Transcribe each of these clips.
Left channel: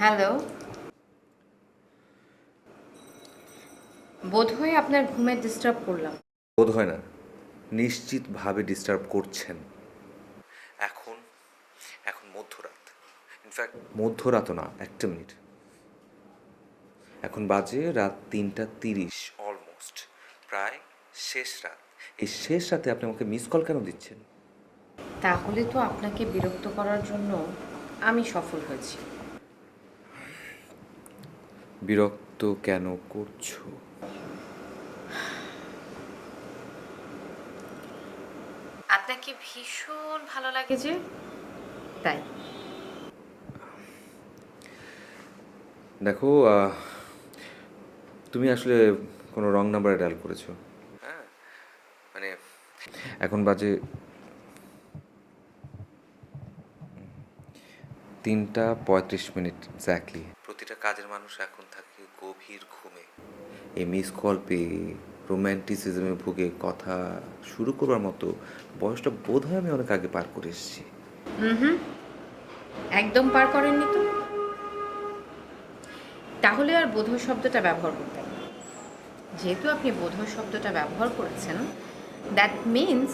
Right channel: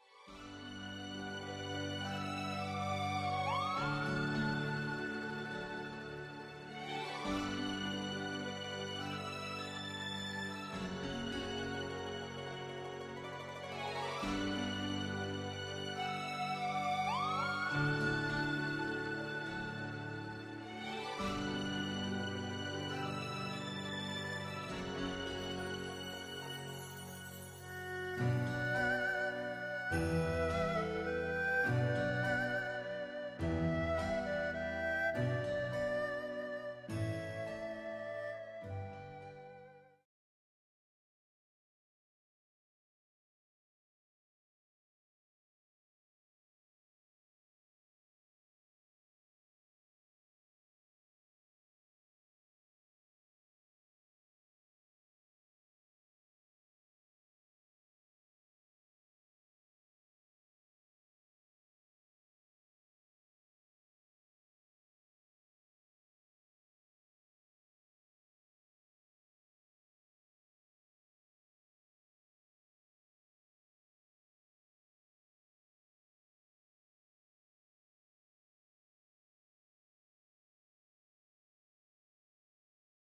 Hello. বোধহয় আপনার ঘুমে ডিস্টার্ব করলাম। বোধ হয় না, নিশ্চিতভাবে ডিস্টার্ব করছেন। এখন এখন মধ্যরাত, ইনফ্যাক্ট মধ্যরাতও না, 1 মিনিট। এখন বাজে রাত 3:30, অলমোস্ট প্রায় শেষ রাত। এই শেষ রাতে আপনি আমাকে মিস কল কেন দিচ্ছেন? তাহলে তো আপনাকে বিরক্ত করার জন্য আমি সফল হয়েছি। বিরক্ত কেন করছো? আপনাকে ভীষণ ভালো লাগে যে, তাই। দেখো, তুমি আসলে কোনো রং নাম্বারে ডায়াল করেছো। হ্যাঁ, মানে এখন বাজে 3:35 এক্স্যাক্টলি। প্রতিটা কাজের মানুষ এখন থাকে গভীর ঘুমে। এই মিস কল পেয়ে রোম্যান্টিসিজমে ভুগে কথা শুরু করবার মতো বয়সটা বোধহয় আমি অনেক আগে পার করে এসেছি। হুম, একদম পার করেননি তো। তাহলে আর বোধহয় শব্দটা ব্যবহার করতেন না। যেহেতু আপনি বোধহয় শব্দটা ব্যবহার করেছেন, দ্যাট মিন্স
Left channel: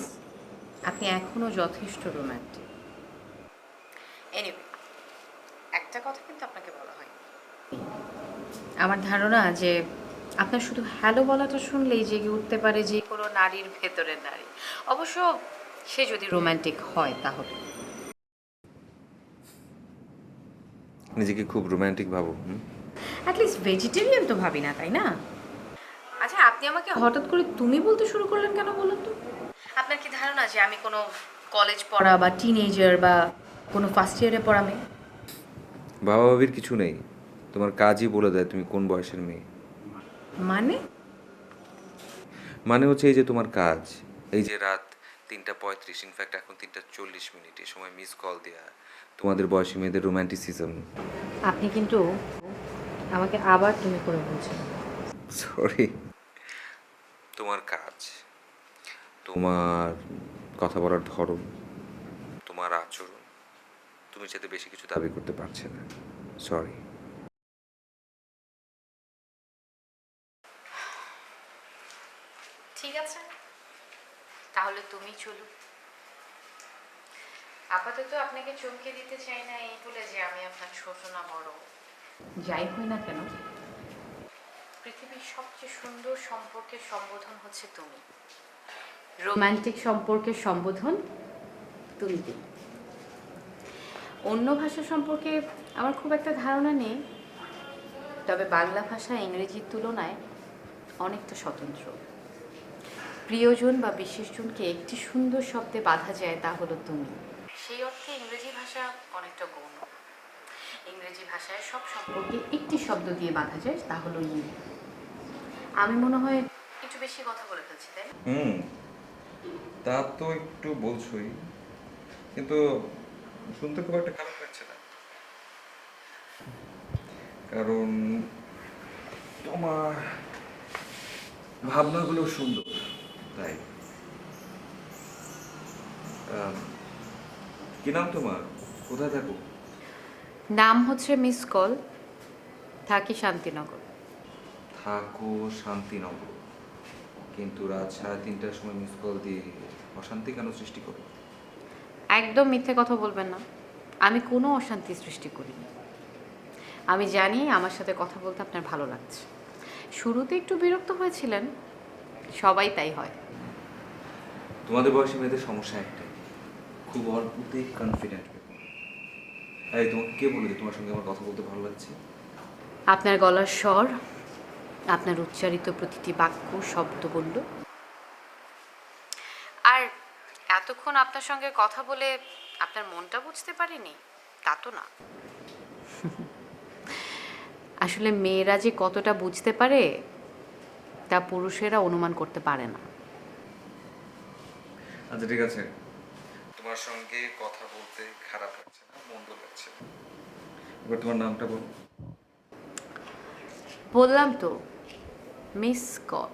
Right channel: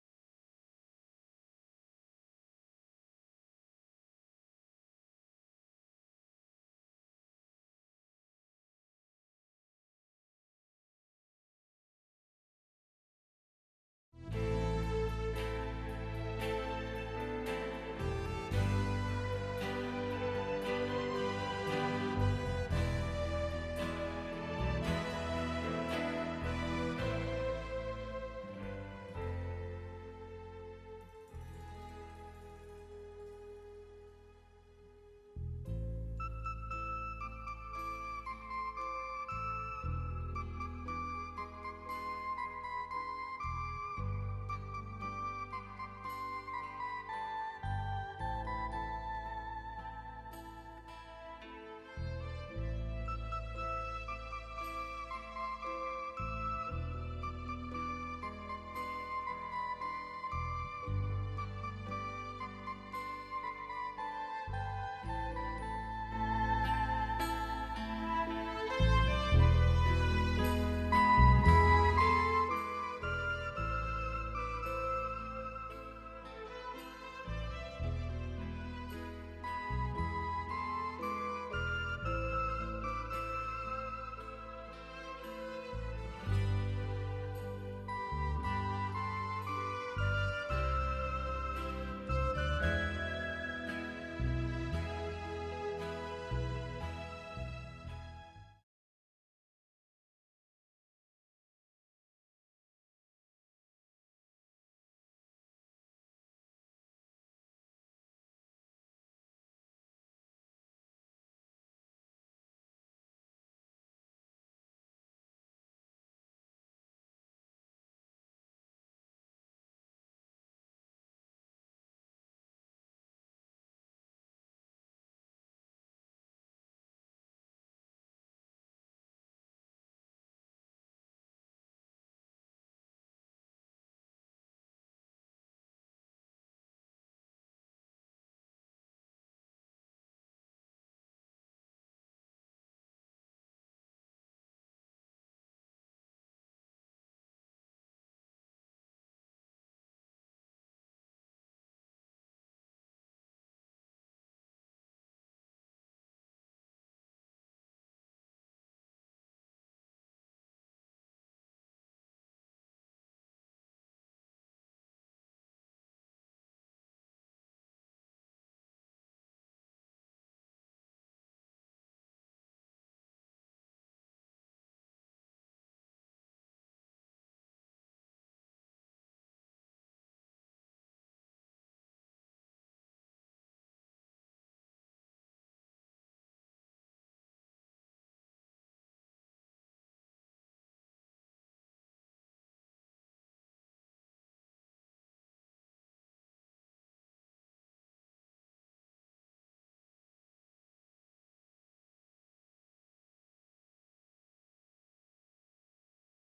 আপনি এখনো যথেষ্ট রোম্যান্টিক। এনিওয়ে, একটা কথা কিন্তু আপনাকে বলা হয়, আমার ধারণা যে আপনার শুধু হ্যালো বলাটা শুনলেই জেগে উঠতে পারে যে কোনো নারীর ভেতরের নারী। অবশ্য সে যদি রোমান্টিক হয় তাহলে। নিজেকে খুব রোম্যান্টিক ভাবো, হুম? অ্যাটলিস্ট ভেজিটেরিয়ান তো ভাবি না, তাই না? আচ্ছা, আপনি আমাকে হঠাৎ করে তুমি বলতে শুরু করলেন কেন বলুন তো? আপনার কি ধারণা যে আমি কোনো কলেজ পড়া বা টিনেজার বা কোনো ফার্স্ট ইয়ারে পড়া মেয়ে? বাবা ভাবির কিছু নেই, তোমার কাজই বলে দেয় তুমি কোন বয়সের মেয়ে। মানে? মানে হচ্ছে এই যে তোমার কাজ, এই যে রাত 3:35, ইনফ্যাক্ট এখন 3:40, এই সময় মিস কল দেয়া, তোমাদের বয়সী মেয়েদের রোম্যান্টিসিজম। আপনি কিন্তু আমাকে আবার তুমি করে বলছেন। সরি। তোমার কাজ, তোমার কথা বলার ধরন, তোমার আচরণ, তুমি যাতে বেশি কিছু দাবি করতে পারছে না। সরি। ঠিক আছে, তাহলে তুমি চলো। আপাতত আপনাকে চমকে দিতে চাই না এই বলে যে আমি আপনার ছোট না বড়, যাই হই না কেন, পৃথিবীর সবচেয়ে সুন্দর সম্পর্কের সম্বোধন হচ্ছে তুমি। রোমান্টিক সম্পর্কের সম্বোধন তুমি দিলে। অন্য ভাষা সম্পর্কে আমার খুব একটা ধারণা নেই, তবে বাংলা ভাষা ইংরেজির তুলনায় অনেকটা স্বতন্ত্র। প্রিয়জন বা বিশেষজনকে একটি সুন্দর শব্দে বাঁধা যায়, তা হলো তুমি। সেই অর্থে ইংরেজি ভাষা অনেকটা গৌণ। ইংরেজি ভাষায় সব সম্পর্কে একটি শব্দ দিয়ে বাঁধা যায়, তা হলো ইউ। আমি মনে হয় একটু বেশি কথা বলে ফেলছি, তাই না? হুম, তা তো একটু বলছোই, কিন্তু শুনতে খুব একটা খারাপ লাগছে না, কারণ তোমার ভাবনাগুলো সুন্দর, তাই। আম, কি নাম তোমার? কোথায় থাকো? নাম হচ্ছে মিস কল, থাকি শান্তিনগর। থাকো শান্তিনগর, কিন্তু রাত 3:30টার সময় মিস কল দিয়ে অশান্তি কেন সৃষ্টি করো? একদম মিথ্যে কথা বলবেন না, আমি কোনো অশান্তি সৃষ্টি করিনি। আমি জানি আমার সাথে কথা বলতে আপনার ভালো লাগছে। শুরুতে একটু বিরক্ত হয়েছিলেন, সবাই তাই হয়। তোমাদের বয়সী মেয়েদের সমস্যা একটাই, খুব অল্পতেই কনফিডেন্ট। এই তোমাকে কে বলে যে তোমার সঙ্গে আমার কথা বলতে ভালো লাগছে? আপনার গলার স্বর, আপনার উচ্চারিত প্রতিটি বাক্য শব্দ বলল। আর এতক্ষণ আপনার সঙ্গে কথা বলে আপনার মনটা বুঝতে পারিনি তা তো না। আসলে মেয়েরা যে কতটা বুঝতে পারে তা পুরুষেরা অনুমান করতে পারে না। আচ্ছা ঠিক আছে, তোমার সঙ্গে কথা বলতে খারাপ লাগছে না, মন্দ লাগছে না। এবার তোমার নামটা বলো। বললাম তো, মিস কল।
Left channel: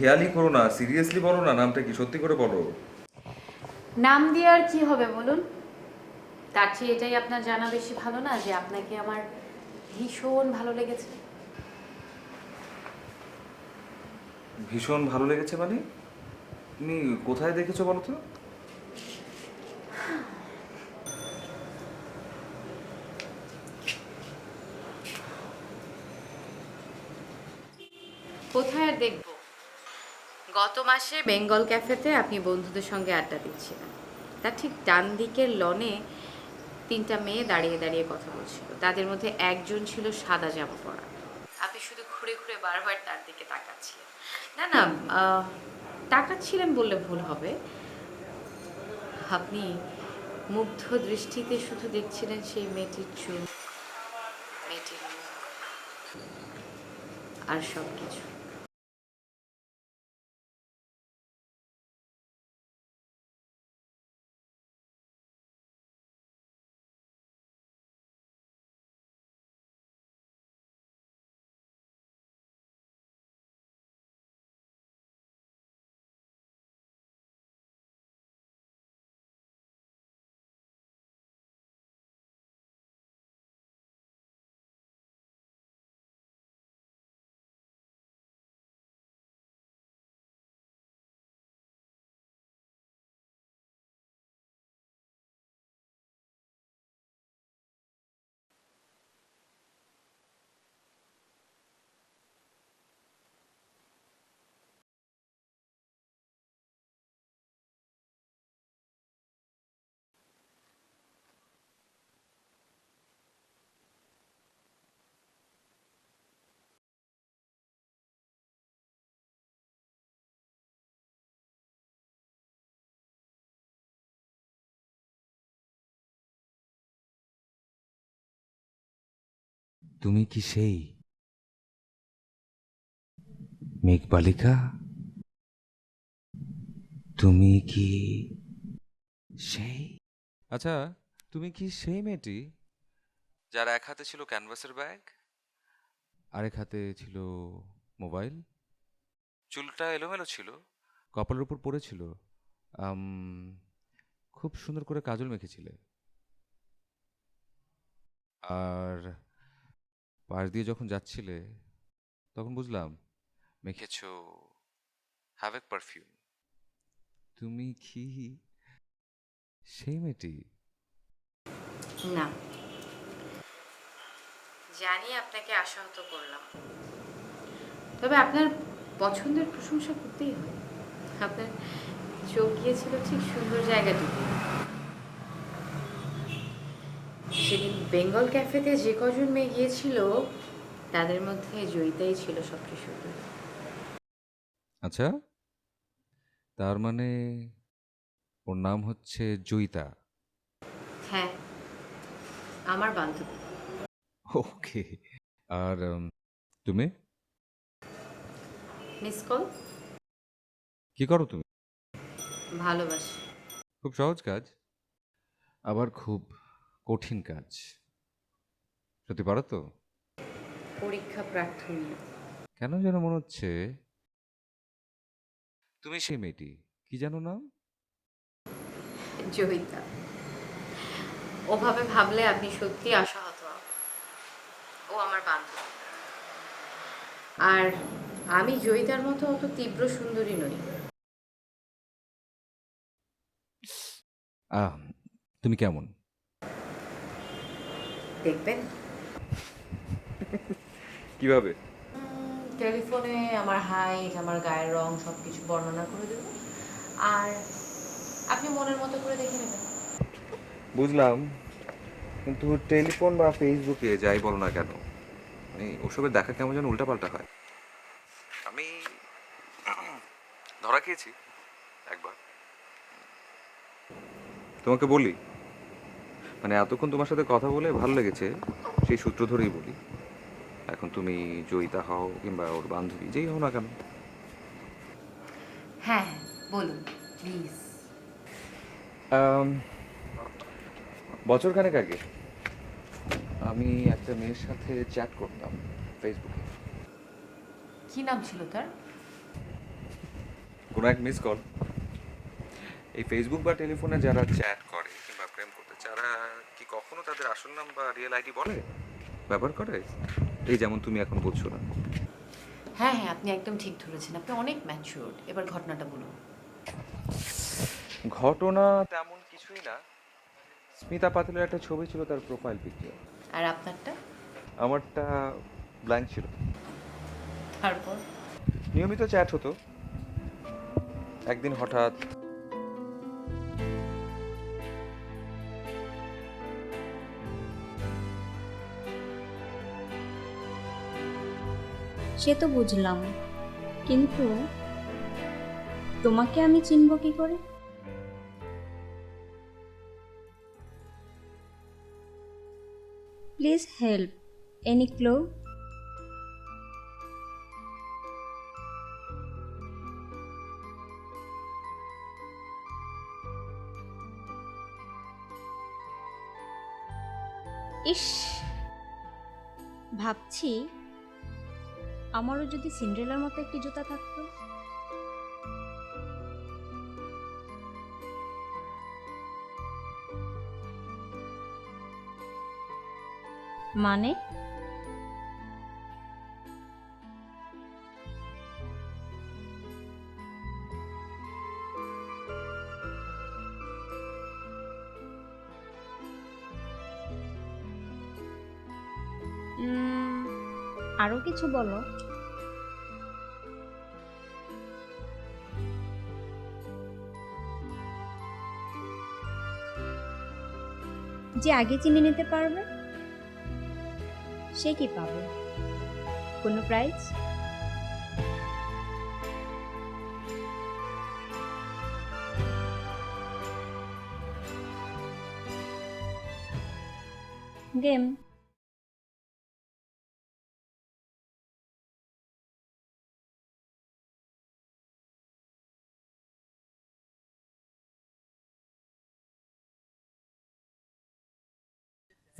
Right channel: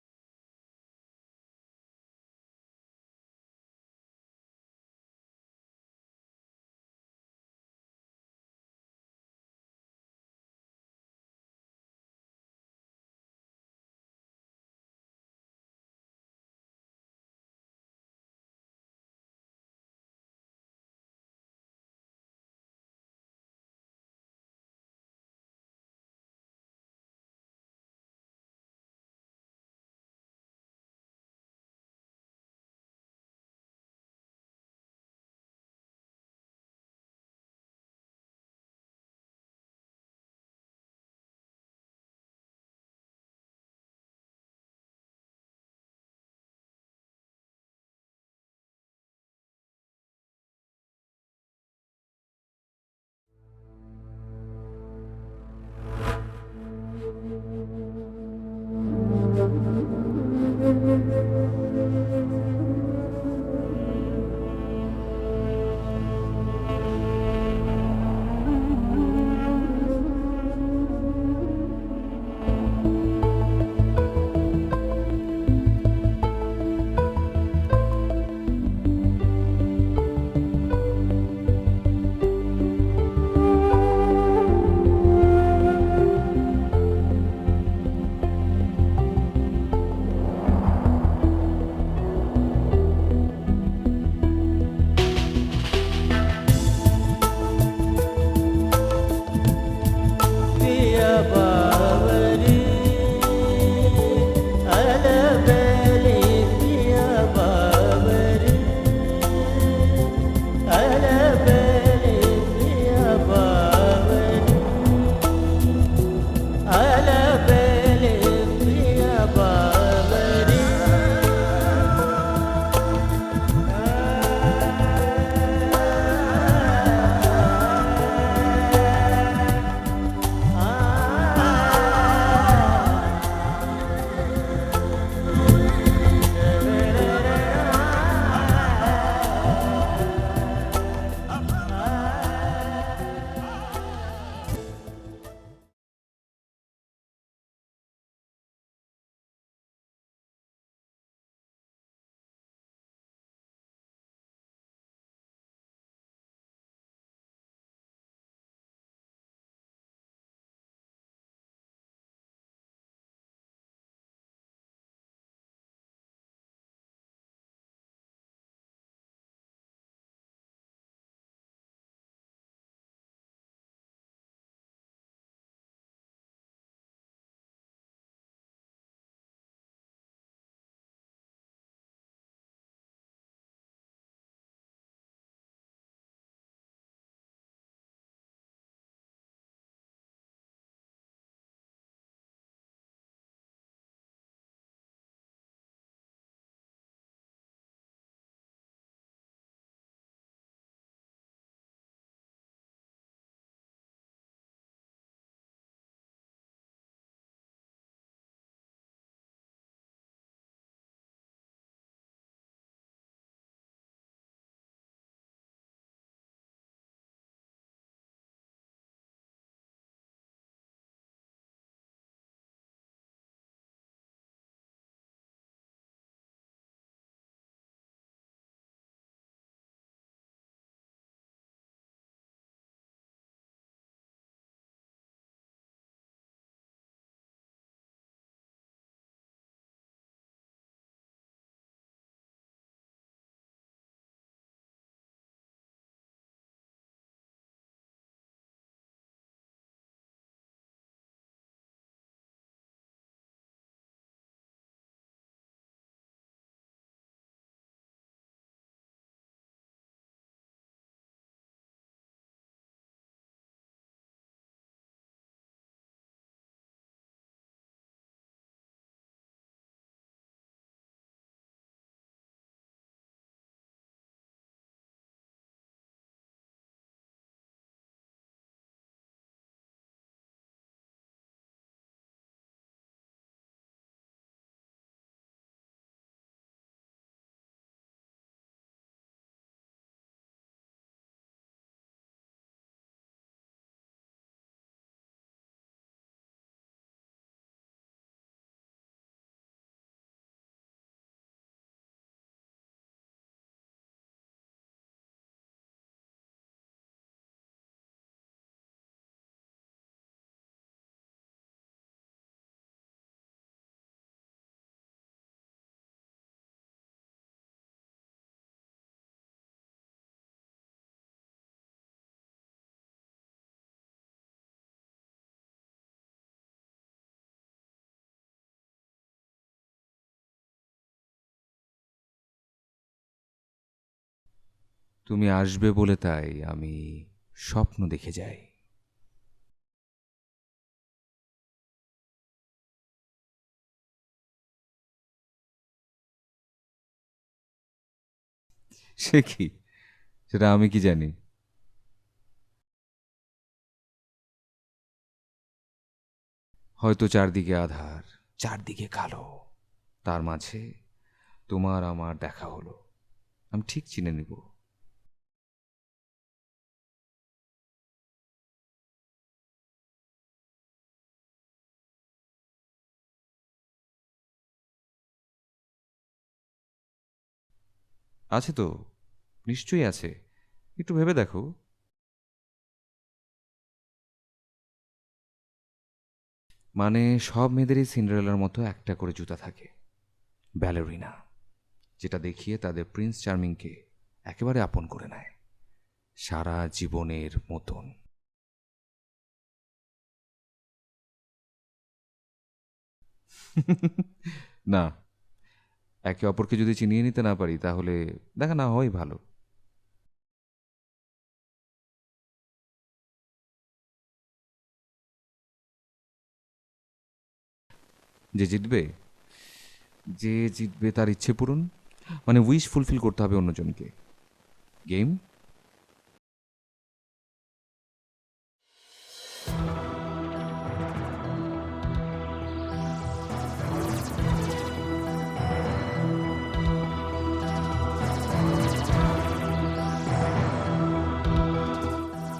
হেয়ালি করো না, সিরিয়াসলি বলো না, নামটা কি, সত্যি করে বলো। নাম দিয়ে আর কি হবে বলুন? তার চেয়ে এটাই আপনার জানা বেশি ভালো না যে আপনাকে আমার ভীষণ ভালো লেগেছে। ভীষণ ভালো লেগেছে মানে? তুমি কোথায় দেখেছো বলো তো? কোথায় আর দেখবো, গত মাসে বেঙ্গল ক্যাফেতে আপনি বন্ধুদের সঙ্গে আড্ডা দিচ্ছিলেন। তার ঠিক ডান দিকের লনে 3টা মেয়ে দাঁড়িয়ে দাঁড়িয়ে কথা বলছিল। তাদের মধ্যে একজন ছিল সাদা জামা পরা। আপনি শুধু ঘুরে ঘুরে বারবার তার দিকে তাকাচ্ছিলেন। না না, তাকাচ্ছিলেন বললে ভুল হবে। আপনি মুগ্ধ দৃষ্টিতে শুধু দেখছিলেন সেই মেয়েটির চুল, মেয়েটির আর সব কিছু। पिया बावरी अलबेली पिया बावरी अलबेली पिया बावरी अलबेली पिया बावरी তুমি কি সেই মেঘবালিকা? তুমি কি সেই? আচ্ছা, তুমি কি সেই যার এক হাতে ছিল ক্যানভাসের ব্যাগ, আরেক হাতে ছিল মোবাইল? চুলটা এলোমেলো ছিল, কপালের উপর পড়েছিল, আম, খুব সুন্দর করে কাজল মেখেছিলে, আর পাশ দিয়ে যখন যাচ্ছিলে তখন বুঝলাম মেখেছো হ্যাভেক পারফিউম। তুমি কি সেই মেয়েটি? না, জানি আপনাকে আশাহত করলাম, তবে আপনার পছন্দের প্রশংসা করতেই হয়। আপনার চোখ গিয়েছিল ঠিক সুন্দর জায়গাটুকু। সেদিন বেঙ্গল ক্যাফেতে যে কজন মেয়ে গিয়েছিল তাদের মধ্যে জয়িতাই ছিল সবচেয়ে সুন্দর। আচ্ছা, তার মানে ওর নাম হচ্ছে জয়িতা? হ্যাঁ, আমার বান্ধবী। ওকে। আর তুমি মিস কল। কি করো তুমি? ভালোবাসি। খুব সহজ কাজ, আবার খুব কঠিন কাজ। সত্যি পারো তো? পরীক্ষা প্রার্থনী। কেন যেন মনে হচ্ছে তুমি সেই মেয়েটি, কি জানো নাম? জয়িতা। ওভাবে ভাবলে আপনি সত্যি আশাহত হবেন। ও আমার বান্ধবী, আর আমি জয়িতার মতো অত তীব্র সুন্দরী নই। আহ, তুমি কেমন? দেখবেন কিভাবে? টেলিফোনে আমার হাইট, আমার গায়ের রং সবকিছু বর্ণনা করে দেব, আর আপনি মনের মতো করে দেখে নেবেন। বুঝলাম, কিন্তু টেলিফোন বা ফেসবুকে যাই বলো না কেন, মানে ওসবের দেখা কেমন যেন উল্টাপাল্টা হয়। আমি ধরা খেয়েছি একবার, তোমাকে বলি, মানে এতক্ষণ তোমার সাথে কথা বলে ভালো লেগেছে, সেই সূত্র ধরেই বলি। এখন তুমি জয়িতা হও কিংবা ওর বান্ধবী যেই হও না কেন, হ্যাঁ, বলুন প্লিজ। বছরখানেক আগে আমি একটা মেয়ের সাথে চ্যাট করতাম ফেসবুকে। কি নাম ছিল তার? কোনো এক মিস কল। এই ফেসবুক বা টেলিফোনে যারা চ্যাট করে কিংবা প্রেম করতে যারা কখনো তাদের আসল নাম বা রিয়েল আইডি বলে, ব্যবহার করে? এই যেমন তুমি এখন বলছো না। হ্যাঁ হ্যাঁ, আপনি একদম ঠিক ধরেছেন, আপনি অনেক ম্যাচিউরড। এবার ঘটনাটা বলুন। ঘটনা তেমন কিছুই না। স্মিতা পাতিলের একটা ছবি ছিল তার প্রোফাইল পিকচার। আর আপনারটা? আমারটা ব্ল্যাঙ্ক ছিল। তারপর? নিয়মিত চ্যাট হতো। একদিন হঠাৎ তুমি আসবে বলে তাই আমি স্বপ্ন দেখে যাই। সে তো বুঝলাম, কিন্তু তোমাকে আমি চিনব কি করে? সে কি, সেটা আমি কি জানি? প্লিজ হেল্প, এনি ক্লো? হয়তো চারদিকে আধার, চারদিকে কালো, তার মাঝে তোমার আমার দেখা হলো, আমি ঠিক চিনে নেব। ইস, ভাবছি আমারও যদি সিন্ড্রেলার মতো একটি জুতা থাকতো। আছে তো, নিশ্চয়ই আছে, একটু ভেবে দেখো। মানে? মানে সব মেয়েদেরই সিন্ডারেলার মতো একটা করে জুতা থাকে, ব্যালেরিনা, যেটা দেখিয়ে তাদের প্রিন্স চার্মিংকে একেবারে আপন করে নেয়, সারা জীবনের মতন। আরো কিছু বলো। না, একে অপরকে যদি চিনিয়ে নিতে না পারি তাহলে দেখা না হয় ভালো। যে আগে চিনে নিতে পারবে সে কি পাবে? কোনো প্রাইজ? যে জিতবে, যে জিতবে তার ইচ্ছে পূরণ, মানে উইশ ফুলফিল করতে হবে অন্যজনকে। গেম। গেম।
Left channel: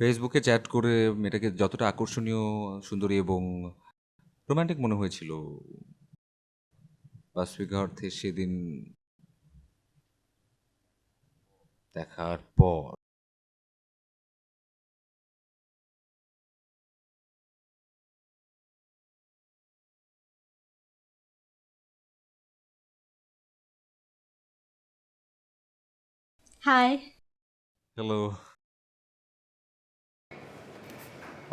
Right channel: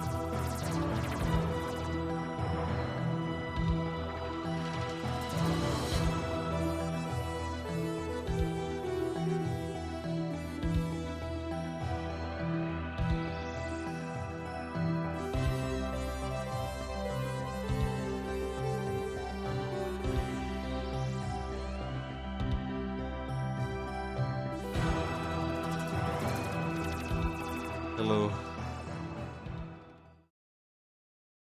ফেসবুকে চ্যাট করে মেয়েটাকে যতটা আকর্ষণীয়, সুন্দরী এবং রোমান্টিক মনে হয়েছিল, বাস্তবিক অর্থে সেদিন দেখার পর হাই। হ্যালো।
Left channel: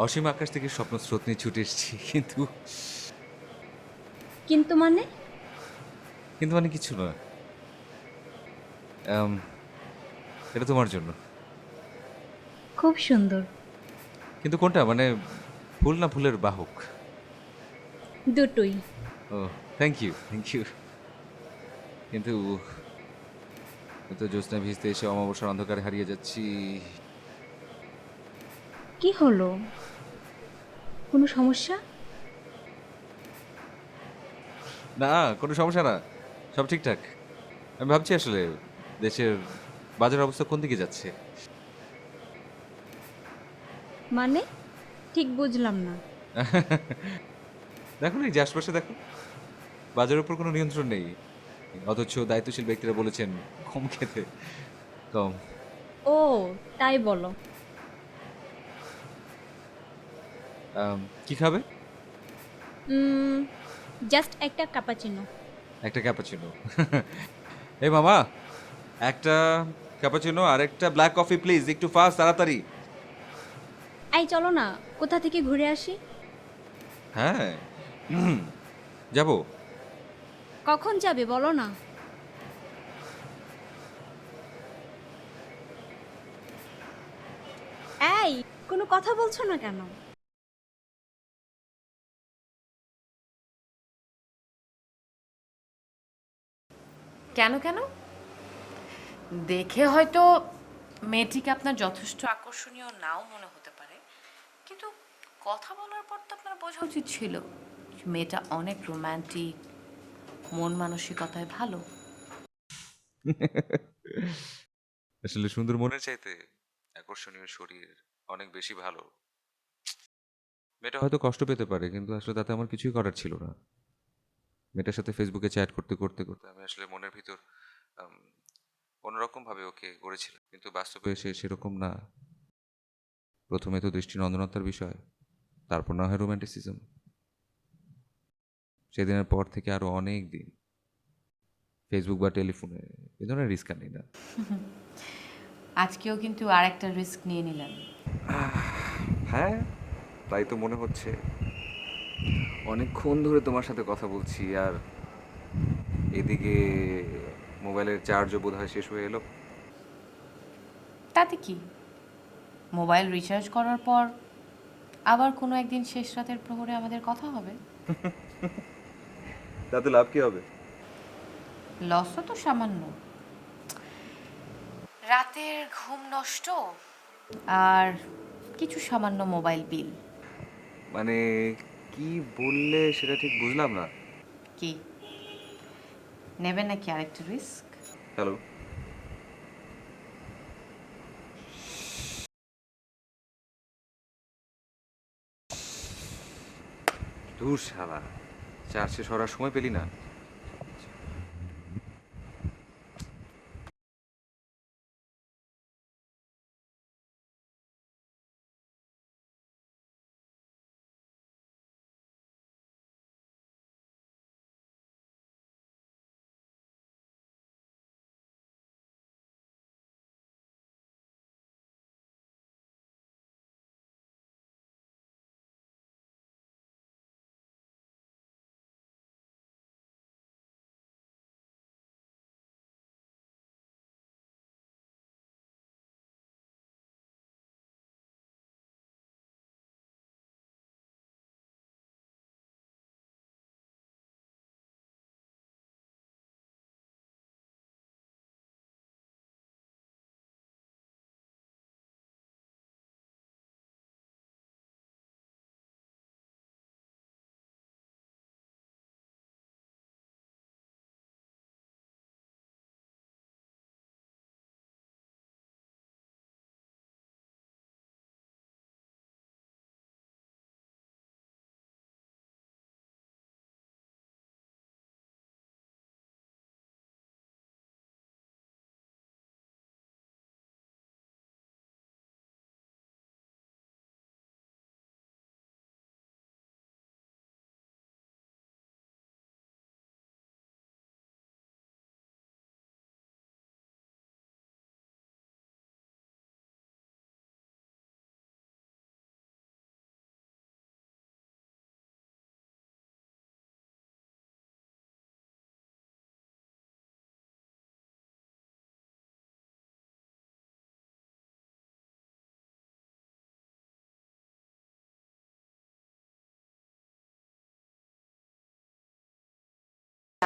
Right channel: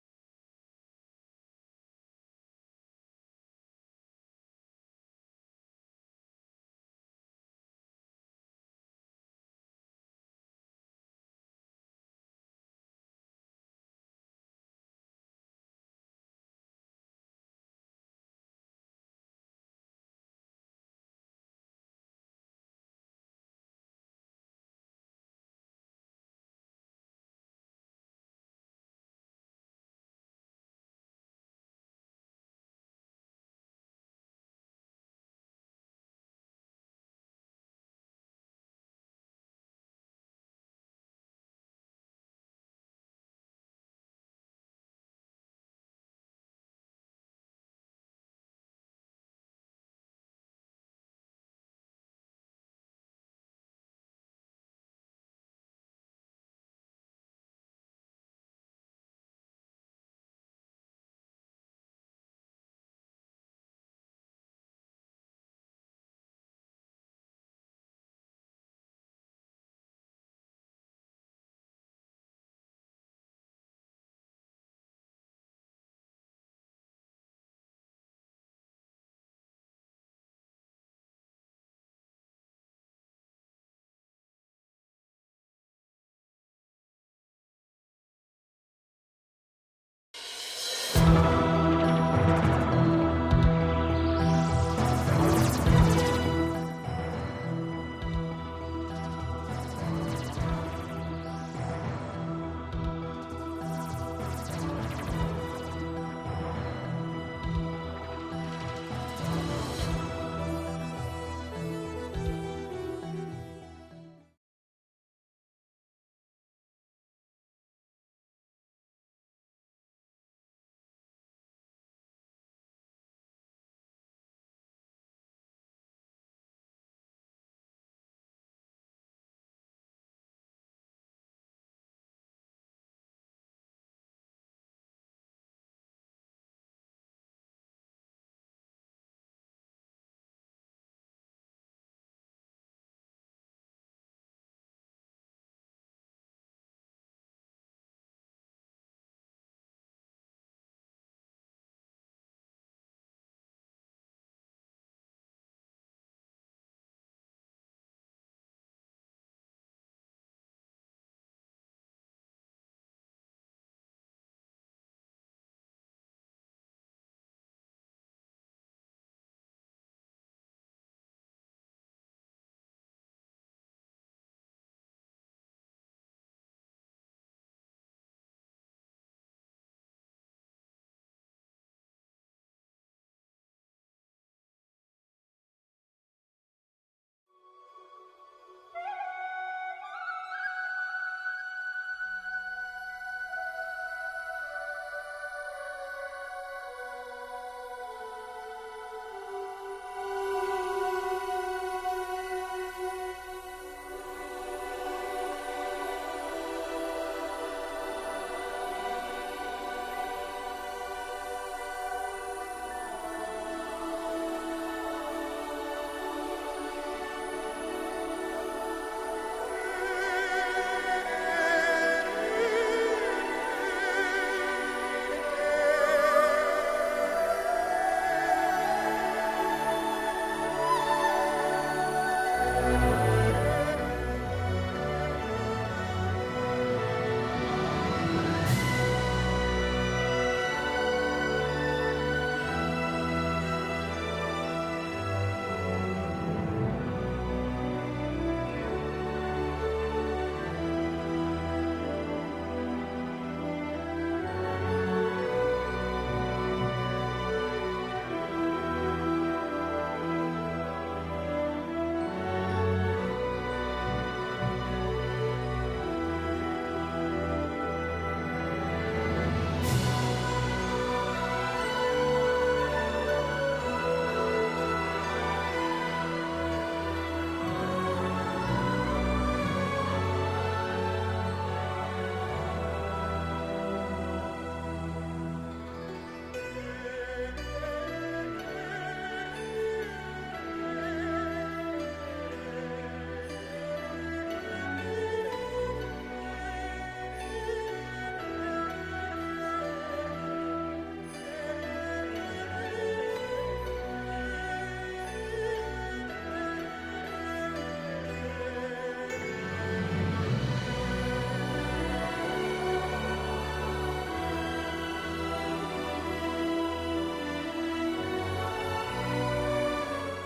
অসীম আকাশ থেকে স্বপ্ন স্রোত নিয়ে ছুটে এসেছি, কিন্তু কিন্তু মানে? কিন্তু মানে কিছু না। এটা তোমার জন্য। খুব সুন্দর। কিন্তু কোনটা, মানে ফুল না ফুলের বাহক? দুটোই। ও, থ্যাংক ইউ থ্যাংক ইউ। কিন্তু তো জ্যোৎস্না ভিজতে এসে অমাবস্যার অন্ধকারে হারিয়ে যাচ্ছি। কি হলো? কোনো সমস্যা? না, কোনো সমস্যা না, সব ঠিকঠাক। আমি ভাবছি আসলে দেশের বাজার অবস্থা কোন দিকে যাচ্ছে। মানে ঠিক বুঝলাম না। দেখো না, এই যে আশপাশে দেখো, বাজারের উপর কোনো নিয়ন্ত্রণ নেই, অথচ দায়িত্বশীল ব্যক্তিরা বলেছেন কম খেতে। কম। ও, তাই বলো। কি খাবে? জাস্ট একটা কাপাচিনো। একটা ক্যাপাচিনো। এই মামা, একটা ক্যাপাচিনো আর একটা ব্ল্যাক কফি প্লিজ, একটু ফাস্ট, তাড়াতাড়ি। আই চলো না, কোথা থেকে ঘুরে আসি। হ্যাঁ, যাবো। কখন যাবে বলো না। এই, কোনো কথা বলছো না কেন? কেন কেন? দেখে হয়তো মেয়েটিকে আপনার যথেষ্ট আকর্ষণীয় নাও মনে হতে পারে, কিন্তু কথা বলার পর তো আপনার বোঝা উচিত ছিল মেয়েটা অনেক রোমান্টিক, মন মানসিকতায় ভালো। আসলে সুন্দর মনের চাইতে আকর্ষণীয় শরীর অনেক বেশি ভালো। মেয়েটা হয়তো কষ্ট পেতে পারে, কিন্তু আসলে তাতে আমার কিছুই করার ছিল না। মেয়েটার সাথে ফেসবুকে চ্যাট করতে করতে করতে আমি আসলে মনের ভিতর অন্যরকম ভাবে ওকে গড়েছিলাম, কিন্তু বাস্তবে সে সেরকম না। প্রথমে তো দৃষ্টিনন্দনতার বিষয়, তারপর না হয় রোম্যান্টিসিজম। সেদিনের পর থেকে আরও অনেক দিন ফেসবুক বা টেলিফোনে এ ধরনের রিস্ক আর নেই না। আজকেও কিন্তু আর একটা রিস্ক নিয়ে নিলেন। হ্যাঁ, তাই তো মনে হচ্ছে। অনেকক্ষণ ধরে তোমার সাথে কথা বলছি, আর এদিকে মোবাইলের চার্জও বোধ হয় শেষ হয়ে এলো। তাতে কি, মোবাইল রিচার্জ করার পর আবার কোনো একদিন শেষ রাতের প্রহরে আমাদের কথা হবে। তাতে লাভ কি হবে? লসও তো সামান্য, রাতের ঘুম নষ্ট আর কিছু সামান্য মোবাইল বিল। মানে কি বললে সেটা ঠিক বুঝলাম না। কি নেবেন নাকি আরেকটু রিস্ক? হ্যালো, ধুর শালা, চার্জ শেষ হওয়ার সময় পেলি না।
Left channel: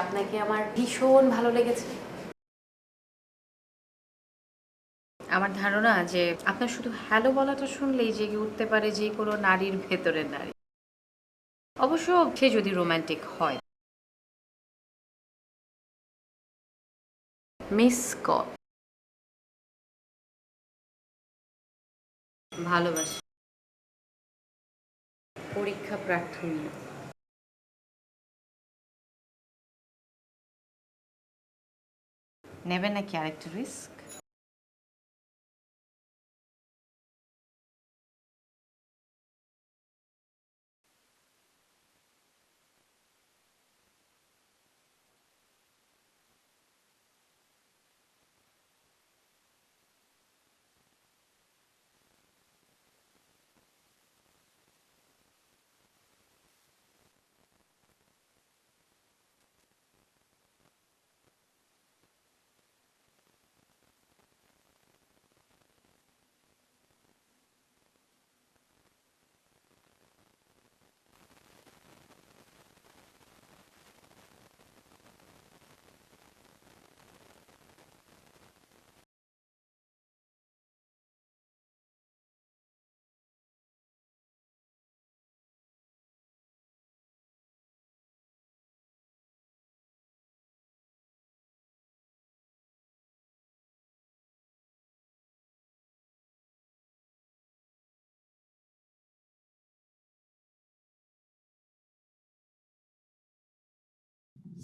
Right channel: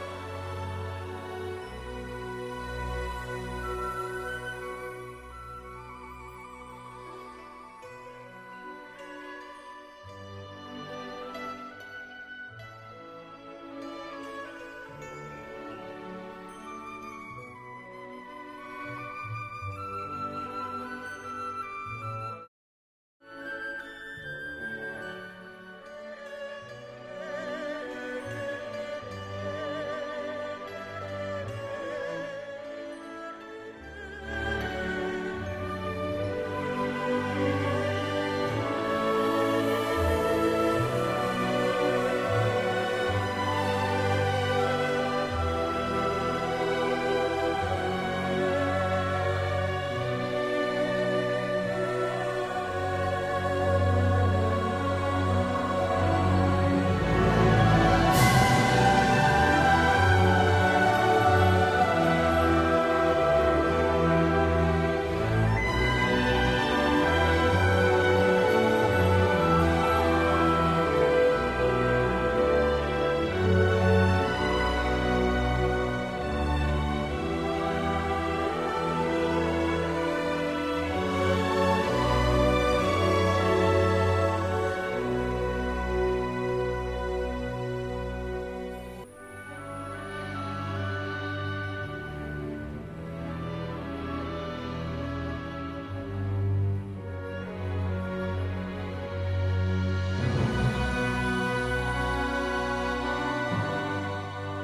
আপনাকে আমার ভীষণ ভালো লেগেছে। আমার ধারণা যে আপনার শুধু হ্যালো বলাটা শুনলেই জেগে উঠতে পারে যে কোনো নারীর ভেতরের নারী, অবশ্য সে যদি রোমান্টিক হয়। মিস কল, ভালোবাসা, পরীক্ষা প্রার্থী। নেবেন নাকি আরেকটু রিস্ক?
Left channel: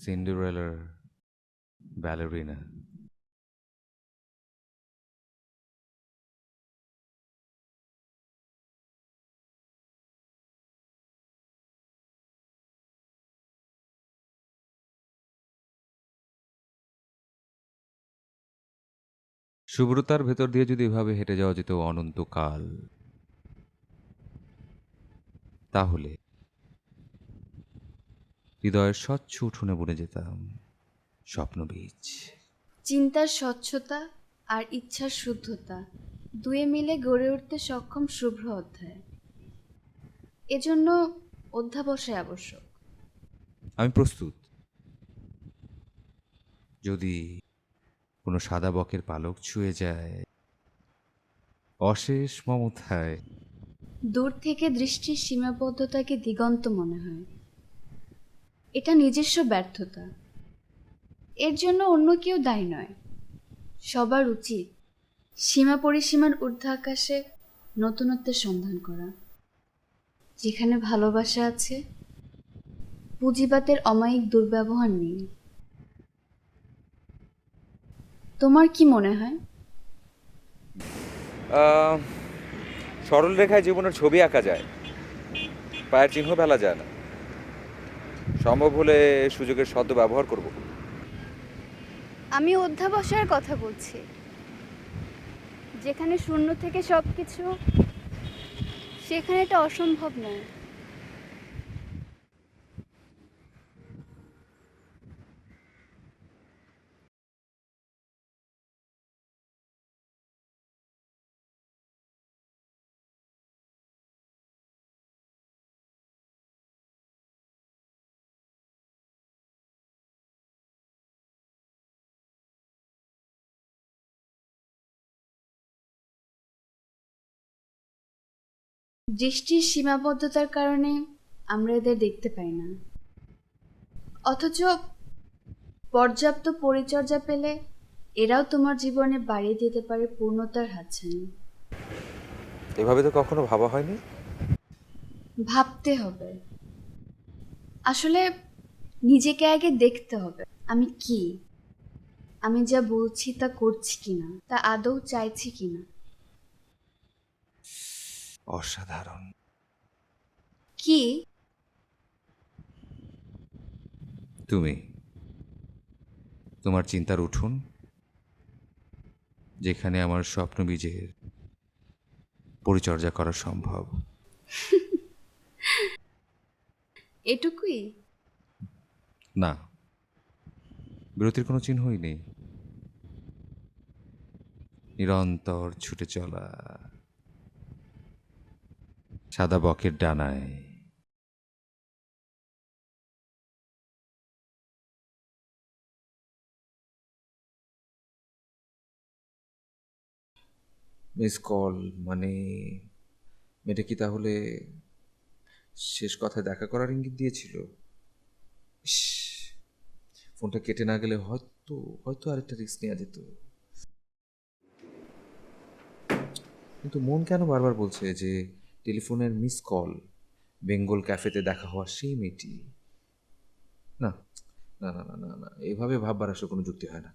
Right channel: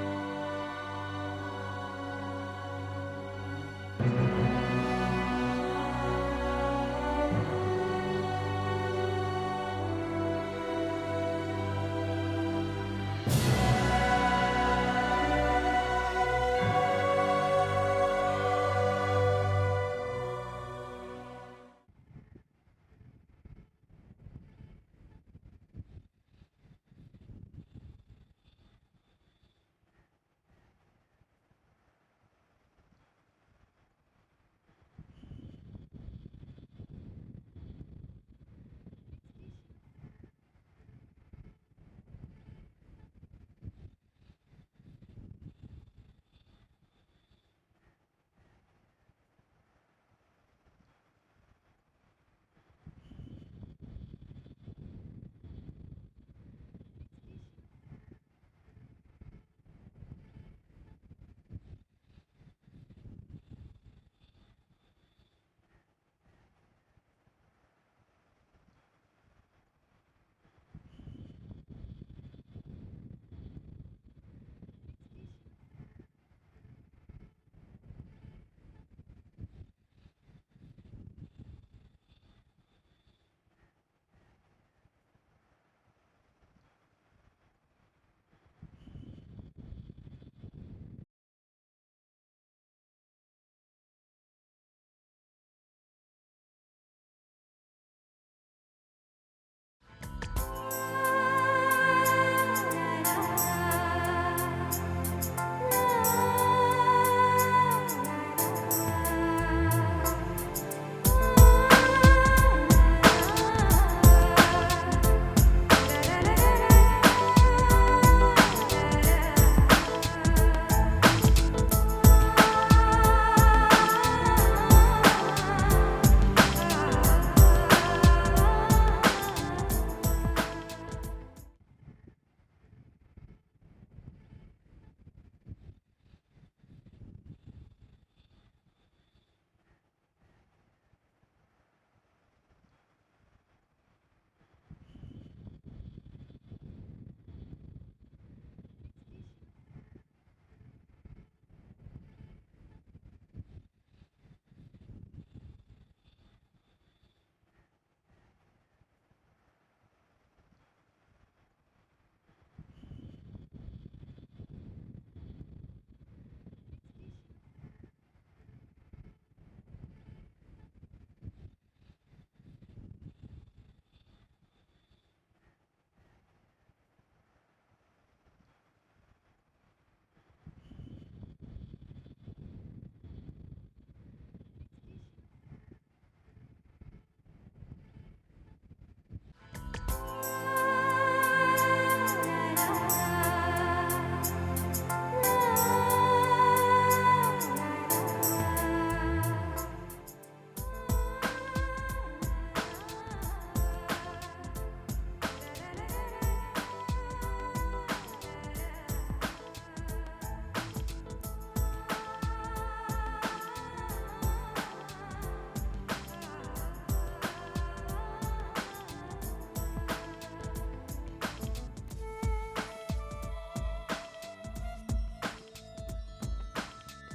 সিন্ডারেলার ব্যালারিনা। শুভ্রতার ভেতর দিয়ে যদি এভাবে হেঁটে যাওয়া যেত অনন্তকাল, তাহলে হৃদয়ের স্বচ্ছ উঠোনে বুনে যেতাম স্বপ্ন বীজ। চিন্তার স্বচ্ছতা আর ইচ্ছার শুদ্ধতা দুয়ে মিলে গড়ে উঠতে সক্ষম শুভ্র অধ্যায়। এজন্য অধ্যাবসায় আবশ্যক। আমি প্রস্তুত। যদি কোনো সাদা বকের পালক ছুঁয়ে যায় অশেষ মমতায়, দূর থেকে দৃষ্টির সীমাবদ্ধতাকে দিগন্ত মনে হয়। এটা নিজস্ব ব্যর্থতা। এর জন্য অন্য কেউ দায়ী নয়। সবার উচিত সীমা পরিসীমার ঊর্ধ্ব আকাশে নতুনত্বের সন্ধান করা। যেখানে ভালোবাসা আছে, পুঁজিবাতের অমায়িক দুর্ব্যবহার নেই। তোমার কি মনে হয়? সরল রেখায় জীবনের ছবি আঁকা যায়, পায়ের চিহ্ন ফেলা যায় না। সম্ভব হলে সুযোগের সদ্য ব্যবহার করব। আমি অধ্যাবসায়ের কথা বলছি, যেখানে শূন্য থেকে সব কিছু, সেখানে এটা অসম্ভব নয়। দৃষ্টির সীমাবদ্ধতার কারণে আমরা এদের দেখতে পাই না, অথচ পর্যাপ্ত পরিচর্যা পেলে এরাও তোমার জীবনে বাড়িয়ে দিতে পারে পূর্ণতার হাতছানি। এভাবে তো কখনো ভাবা হয়নি। ভাবতে হবে। আসলে নিজেকে আগে দেখতে হবে, আমি কি, আমি যা বলছি তা করছি কিনা, তা আদৌ চাইছি কিনা। অসাধারণ। কি? তুমি, তোমার চিন্তার উঠুন, যেখানে আমার স্বপ্ন বীজের পরিচর্যা করা সম্ভব। এটুকুই? না, বিরতির কোনো চিহ্নই নেই। নিরন্তর ছুটে চলা সাদা বকের ডানায়। মিস কল মানে মেয়েটা কি তাহলে শেষ কথায় দেখা করার ইঙ্গিত দিয়েছিল? ইস, ফোনটা কেটে না গেলে হয়তো হয়তো আরেকটা রিস্ক নেওয়া যেত। কিন্তু মন কেন বারবার বলছে যে টেলিফোনের মিস কল বেঙ্গল ক্যাফেতে দেখা হওয়ার সেই মেয়েটি। না না না না না না, এভাবে ভাববার আসলে কোনো যুক্তি হয় না।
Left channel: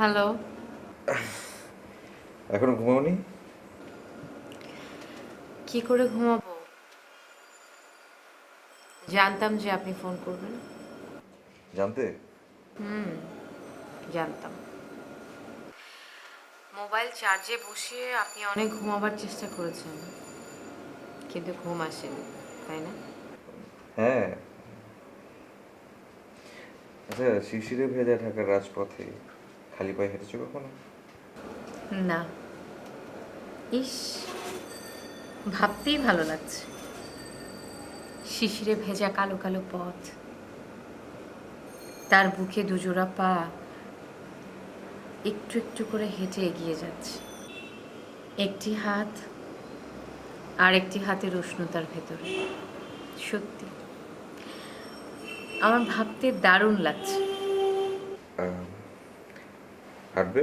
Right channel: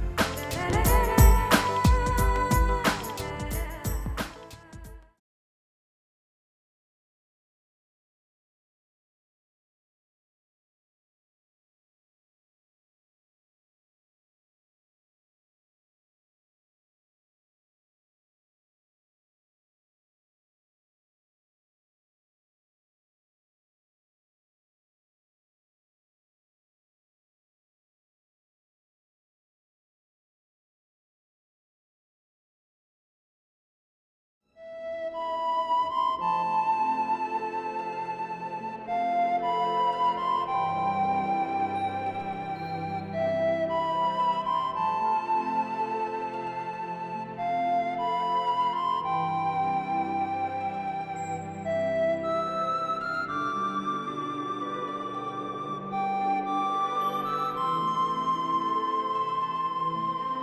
হ্যালো। এখনো ঘুমাওনি? কি করে ঘুমাবো? জানতাম যে আপনি ফোন করবেন। জানতে? জানতাম। মোবাইল চার্জে বসিয়ে আপনি অনেক ঘুমাবার চেষ্টা করেছেন, কিন্তু ঘুম আসেনি, তাই না? হ্যাঁ। আচ্ছা, শিশিরে ভেজা ঢাকার রাজপথে খালি পায়ে হেঁটেছো কখনো? না। ইস, ভাবতেই ভালো লাগছে। শিশিরে ভেজা কালো কালো পথ, তার বুকে দুজোড়া পা একটু একটু করে হেঁটে এগিয়ে যাচ্ছে। একটি হাত আর একটি হাতের উষ্ণতার ভেতরে। সত্যি আমার ভাবতে দারুণ লাগছে। হাঁটবে?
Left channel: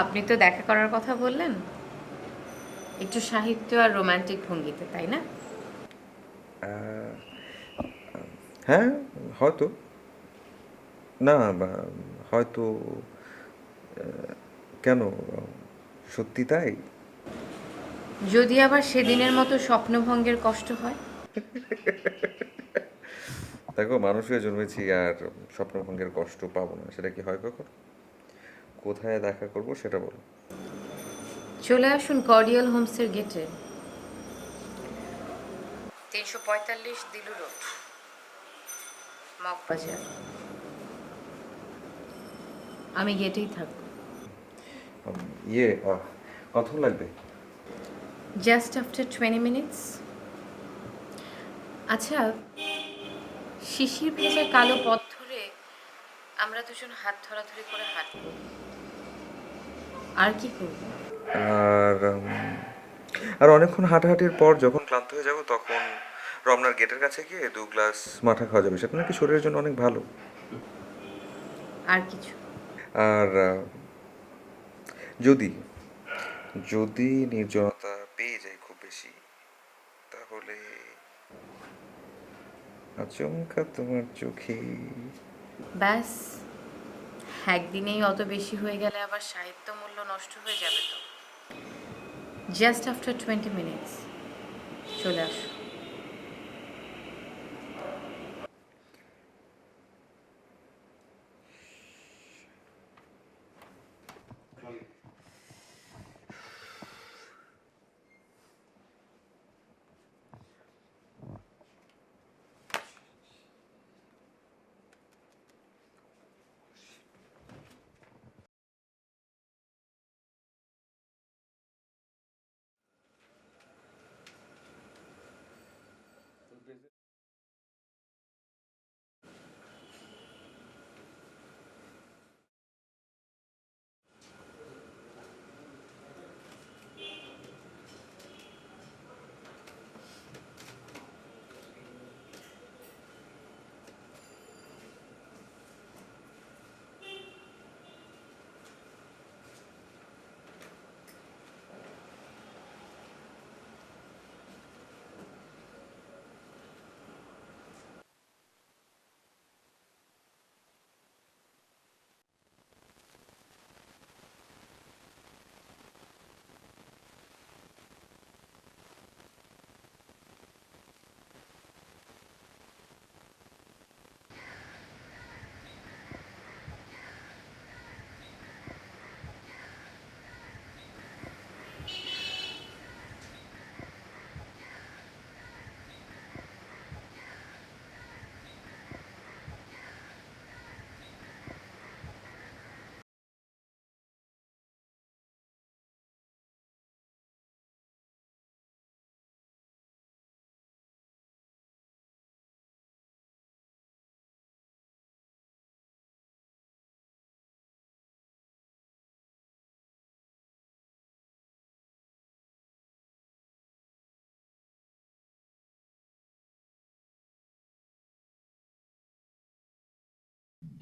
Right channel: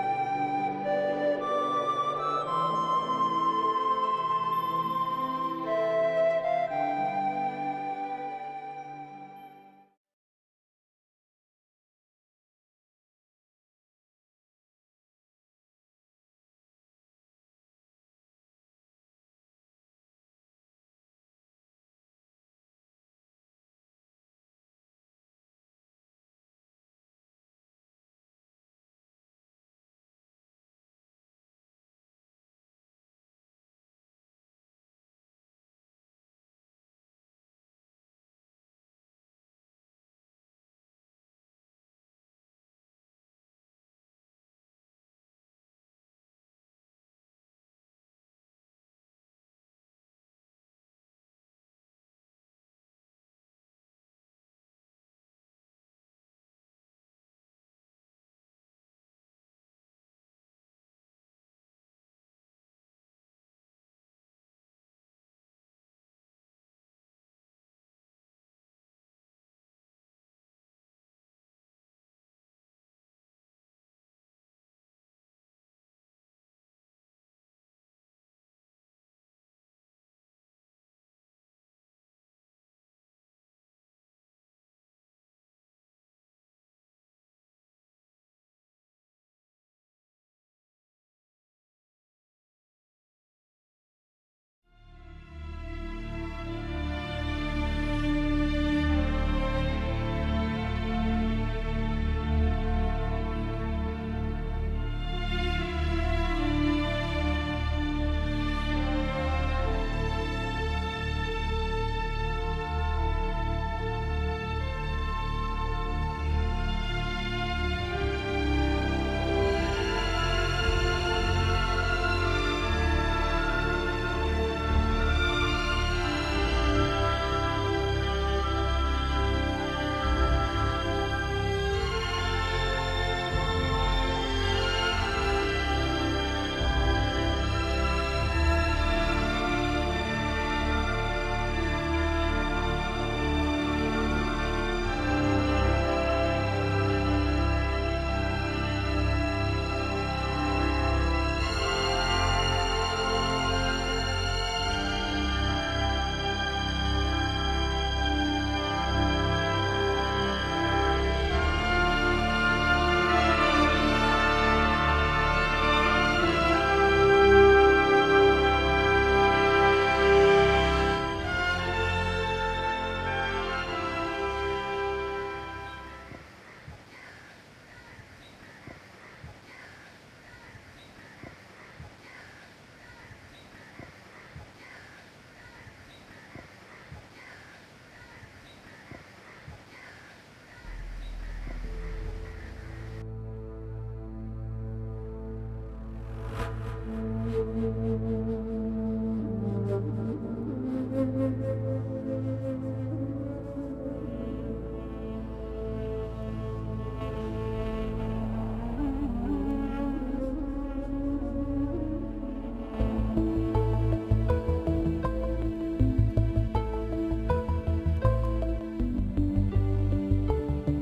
আপনি তো দেখা করার কথা বললেন, একটু সাহিত্য আর রোমান্টিক ভঙ্গিতে, তাই না? হ্যাঁ, হয়তো। না, হয়তো। কেন, সত্যি তাই? যদি আবার সেদিনের মতো স্বপ্নভঙ্গের কষ্ট হয়? দেখো, মানুষ হয়ে জন্মেছি আর স্বপ্নভঙ্গের কষ্ট পাবো না, সেটা কি হয় কখন? কোথায় দেখা করব সেটা বলো। চলে আসুন কর্ডিয়াল হোমসের গেটে, 345 দিলু রোড, মগবাজার। আমি গেটেই থাকবো। ইয়ে, কতক্ষণ লাগবে? Just after 20 minutes. আচ্ছা, শিশির ভেজা কালো পথ ধরে আমরা দুজন হাত ধরাধরি করে হাঁটবো, আর কি করবো? আর আর অনেকক্ষণ হাঁটাহাঁটির পর যখন ক্লান্ত হয়ে যাব, তখন রমনার গেটের কাছে গিয়ে 2 গ্লাস মাঠা খাওয়া যাবে, সেটা নাকি শরীরের জন্য অনেক ভালো। আর কিছু? আর যদি যদি নির্জনতা পেয়ে যাই খুব বেশি, তাহলে আচমকা তোমার চোখে। ব্যাস, একদিনেই অত বেশি হয়ে গেলে আবার সাহিত্য মূল্য নষ্ট হয়ে যাবে তো। জাস্ট আফটার 20 মিনিটস চলে আসো।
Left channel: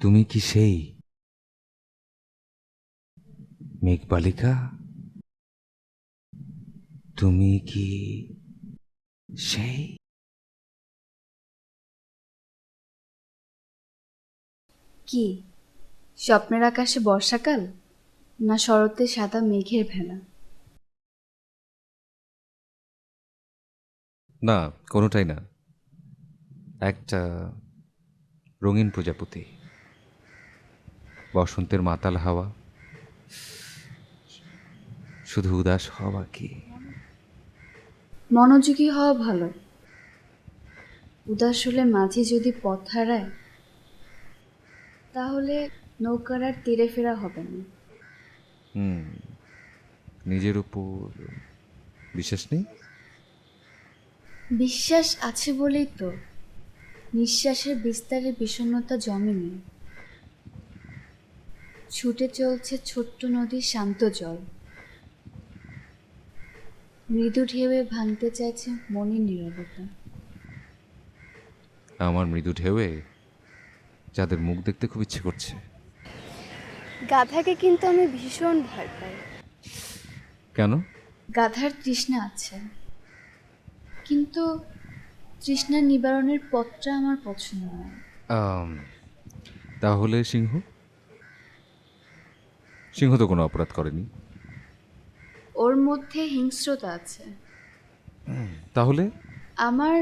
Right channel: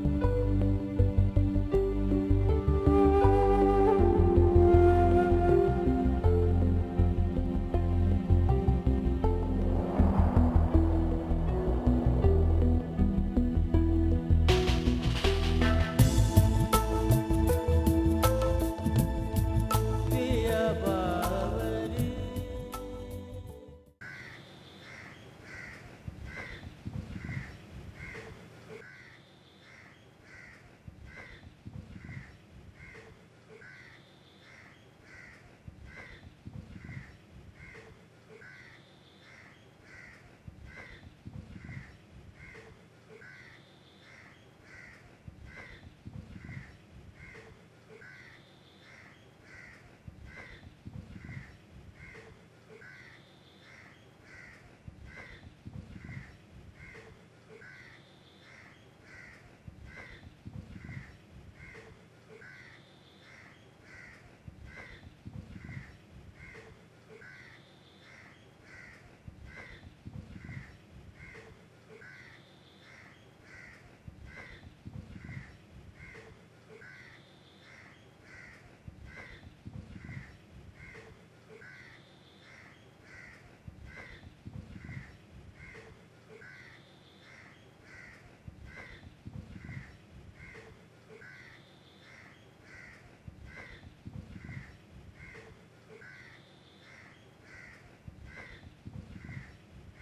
তুমি কি সেই মেঘবালিকা? তুমি কি সেই কি স্বপ্নের আকাশে বর্ষাকাল, না শরতে সাদা মেঘের ভেলা? না, কোনোটাই না। একটা রঙিন প্রজাপতি, বসন্তের মাতাল হাওয়া, শুধু উদাস হওয়া কি। মনোযোগী হওয়া ভালো, উদাস হলে মাঝে যদি পথ হারায় তাহলে নৌকার আর তীরে ফেরা হবে না। নিজের উপর বিশ্বাস নেই? বিশ্বাস আছে বলেই তো নিঃশ্বাসের বিস্তারে বিষণ্ণতা জমেনি। ছুটে চলছে ছোট্ট নদীর শান্ত জল, মৃদু ঢেউয়ে ভাঙতে চাইছে মনের নীরবতা। আমার মৃদু ঢেউয়ে যাদের মুখ দেখতে খুব ইচ্ছে করছে। গাধাকে কিন্তু আমি ভীষণ ভয় পাই। কেন? গাধার তৃষ্ণা আছে, কিন্তু তৃষ্ণা নিবারণের পথটা আমার পছন্দ নয়। তাহলে সিংহ? সিংহ তো কোনো অপরাধ করেনি। ওর মধ্যে হিংস্রতা আছে। তাহলে আমার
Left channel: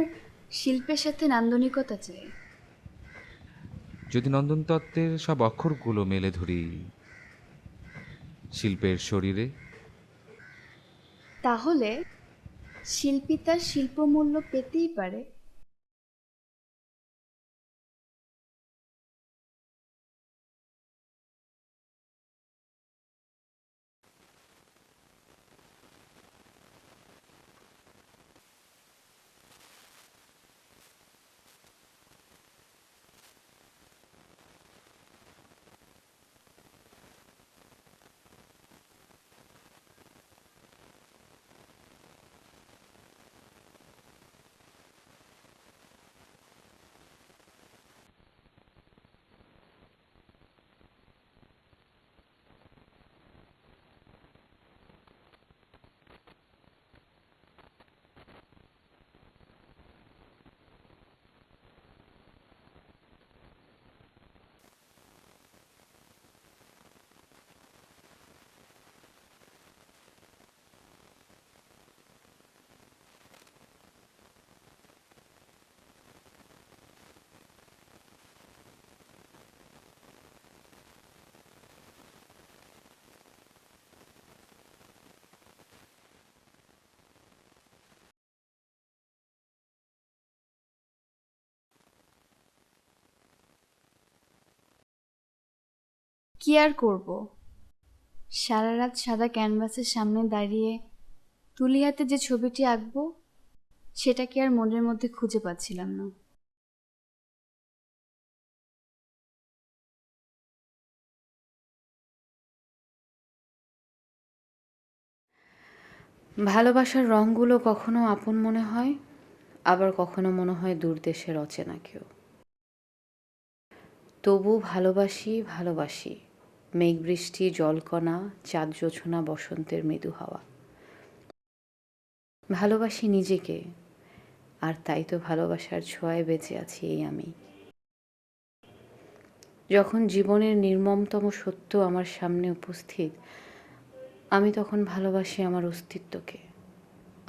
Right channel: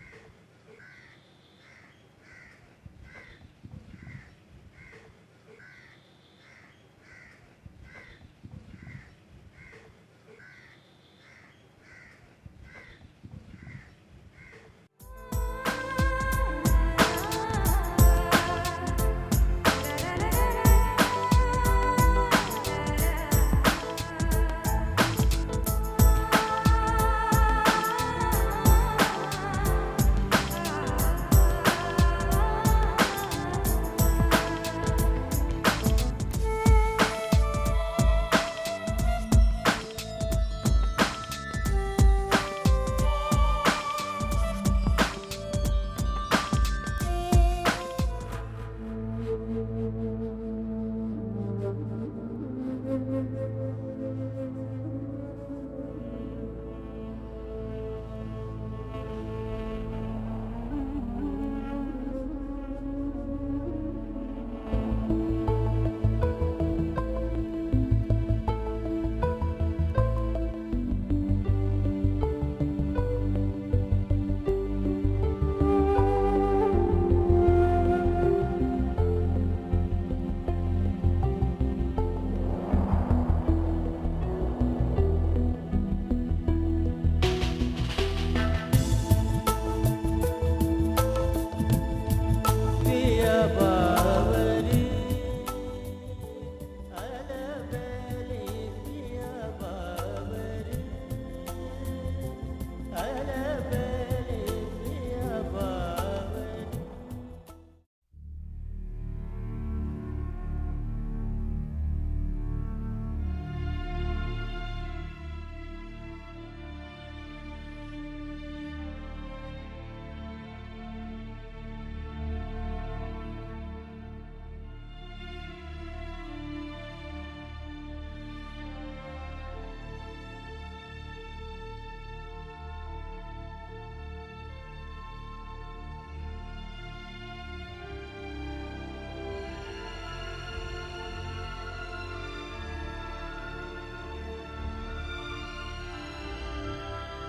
শিল্পের সাথে নান্দনিকতা চাই। যদি নন্দন তত্ত্বের সব অক্ষরগুলো মেলে ধরি শিল্পের শরীরে, তাহলে শিল্পী তার শিল্পমূল্য পেতেই পারে। কি আর করব, সারা রাত সাদা ক্যানভাসের সামনে দাঁড়িয়ে তুলি হাতে যে ছবিটি আঁকবো সেটা কি আর মনের মধ্যে খুঁজে পাচ্ছিলাম না। ভালোবাসার রঙগুলো কখনো আপন মনে হয়, আবার কখনো মনে হয় দূর দেশের অচেনা কেউ। তবু ভালোবাসি ভালোবাসি, মেঘ বৃষ্টি জলকণা, চাঁদ জোছনা, বসন্তের মৃদু হাওয়া। ভালোবাসি নিজেকে, আর তাই তো ভালোবাসার ছোঁয়ায় বেঁচে আছি এই আমি। যখন জীবনের নির্মমতম সত্য আমার সামনে উপস্থিত, আমি তখন ভালোবাসি আমার অস্তিত্বকে,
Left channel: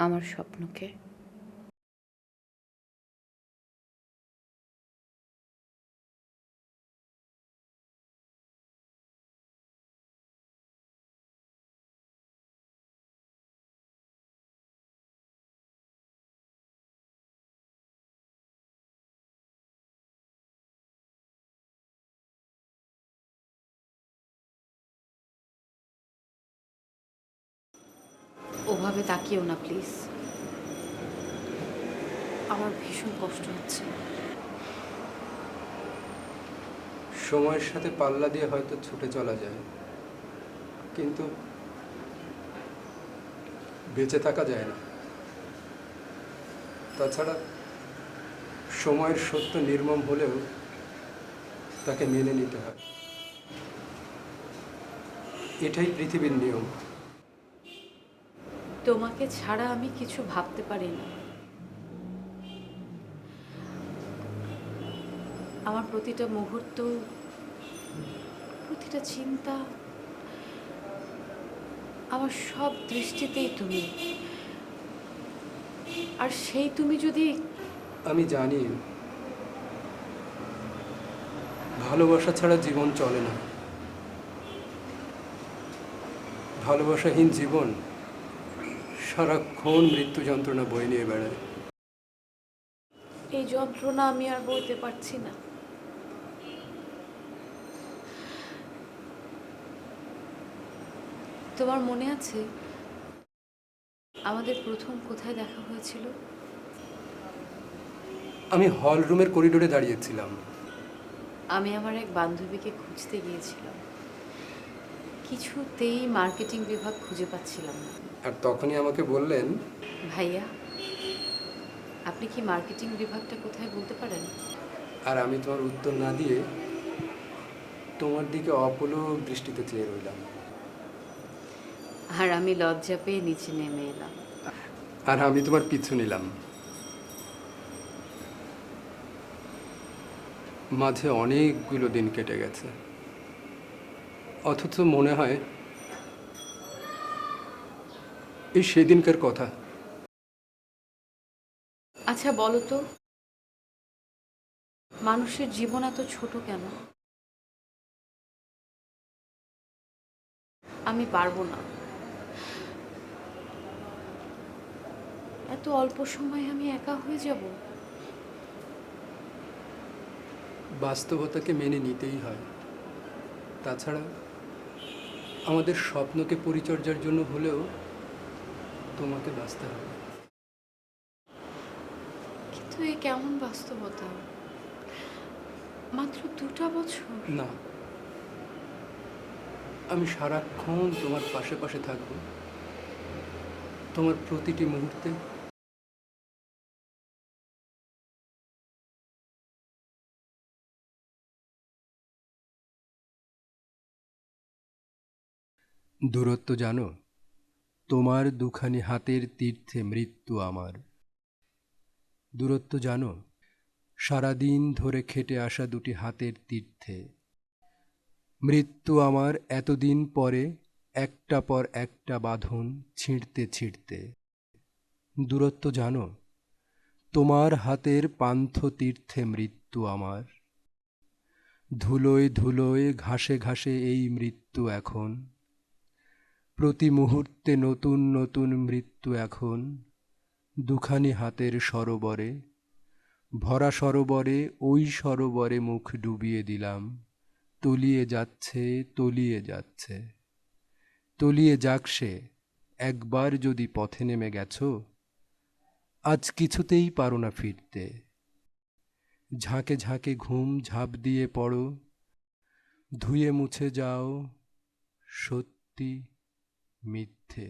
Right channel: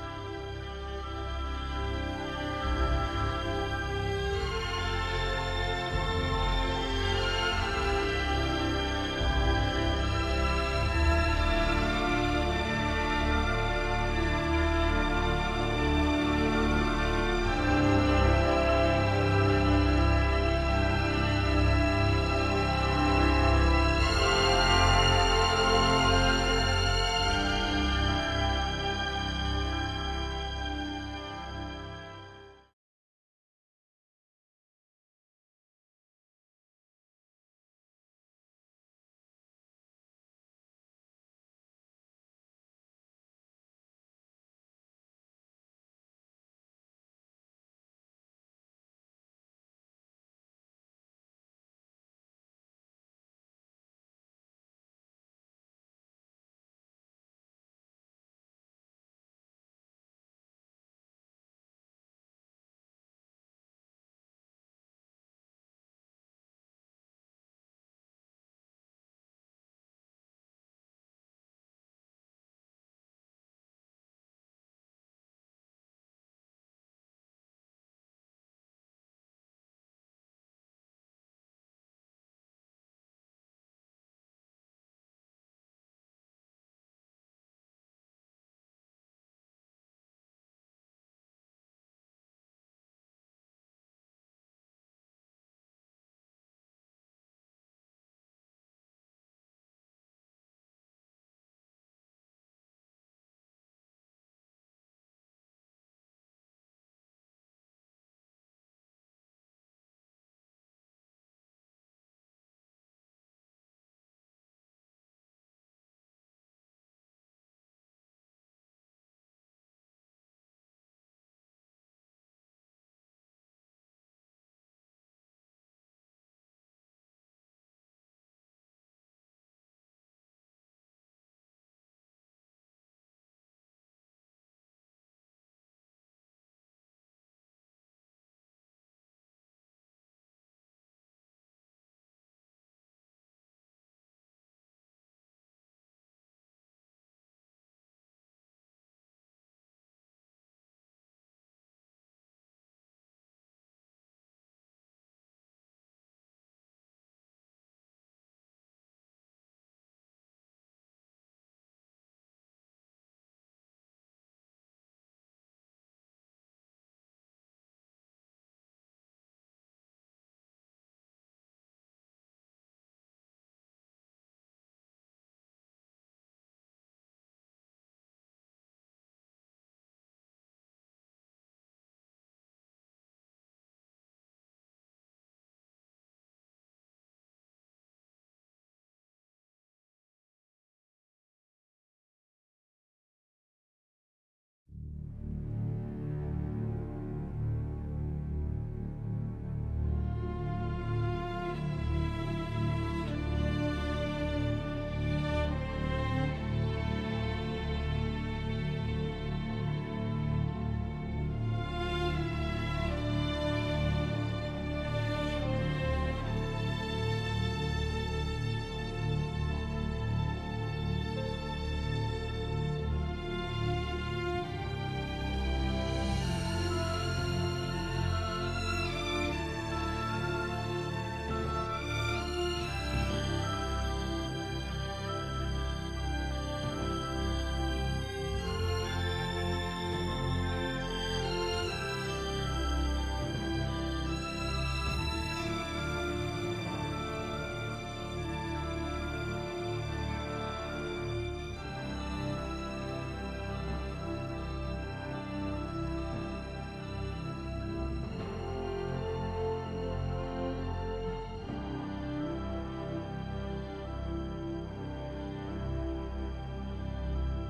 আমার স্বপ্নকে। ওভাবে তাকিও না প্লিজ, আমার ভীষণ কষ্ট হচ্ছে। সময়ের সাথে পাল্লা দিয়ে হয়তো ছুটে চলা যায়, কিন্তু বেঁচে থাকা যায় না। তাছাড়া সময়ের সত্য নির্মম হলেও তাকে মেনে নিতে হয়, এটাই পৃথিবীর নিয়ম। তোমাকে ছাড়া আমি কিছু ভাবতে পারি না। আমার প্রতিটা মুহূর্ত প্রতিটা চিন্তা, আমার সব দৃষ্টিতেই তুমি। আর সেই তুমি যদি আমি জানি ভালোবাসা ছাড়া জীবন চলে না। ভালোবাসাহীন জীবন সারাক্ষণ মৃত্যু যন্ত্রণা বয়ে নিয়ে বেড়ায়। এই যন্ত্রণা আমি আর বইতে পারছি না। তোমার মনে আছে আমাদের প্রথম কোথায় দেখা হয়েছিল? আমি হল রুমের করিডোরে দাঁড়িয়েছিলাম। আমি আমার এক বান্ধবীকে খুঁজতে গিয়েছিলাম, কিছুতেই মার্কেটিং বিভাগ খুঁজে পাচ্ছিলাম না। আর তখনই আমাকে বললেন, ভাইয়া, আপনি কি মার্কেটিং বিভাগটা কোথায় বলতে পারেন? আর আমি তোমার উত্তর না দিয়ে তোমার দিকে অপলক দৃষ্টিতে চেয়ে রইলাম। আর আমি লজ্জা পেয়ে নিচে নেমে এলাম। আর আমি তোমার পিছু নিলাম। মাঝে অনেকগুলো দিন কেটে গেছে, অথচ মনে হয় এই সেদিনকার কথা। আচ্ছা বলো তো, মানুষের জীবন এত ছোট কেন? আমি পারবো না। এত অল্প সময়ে আমি একা হয়ে যাব। বাস্তবতাকে মেনে নিতেই হয়। তাছাড়া আমাদের স্বপ্নকে পরিচর্যার জন্য হলেও তোমাকে বাঁচতে হবে। কিন্তু এই কেমন বাস্তবতা? মাত্র 2টা বছর। না, আমি সারাক্ষণ তোমার পাশে পাশে থাকবো, তোমার প্রতিটি মুহূর্তে। দূরত্ব জানো, তোমার দুখানি হাতের তীর্থে মৃত্যু আমার। দূরত্ব জানো, সারাদিন ধরে খেটে আসা দুটি হাতের তীর্থে মৃত্যু আমার এতদিন পরে একটা পর একটা বাঁধন ছিঁড়তে ছিঁড়তে। দূরত্ব জানো, তোমার হাতের পান্থ তীর্থে মৃত্যু আমার। ধুলোয় ধুলোয় ঘাসে ঘাসে এই মৃত্যু এখন, প্রতি মুহূর্তে নতুন নতুন মৃত্যু এখন। দুখানি হাতের সরোবরে, ভরা সরোবরে, ওই সরোবরে মুখ ডুবিয়ে দিলাম। তলিয়ে যাচ্ছে, তলিয়ে যাচ্ছে, তলিয়ে যাক সে। একবার যদি পথে নেমে গেছো, আজ কিছুতেই পারো না ফিরতে। ঝাঁকে ঝাঁকে ঘুম ঝাঁপ দিয়ে পড়ো, ধুয়ে মুছে যাও সত্যি মিথ্যে।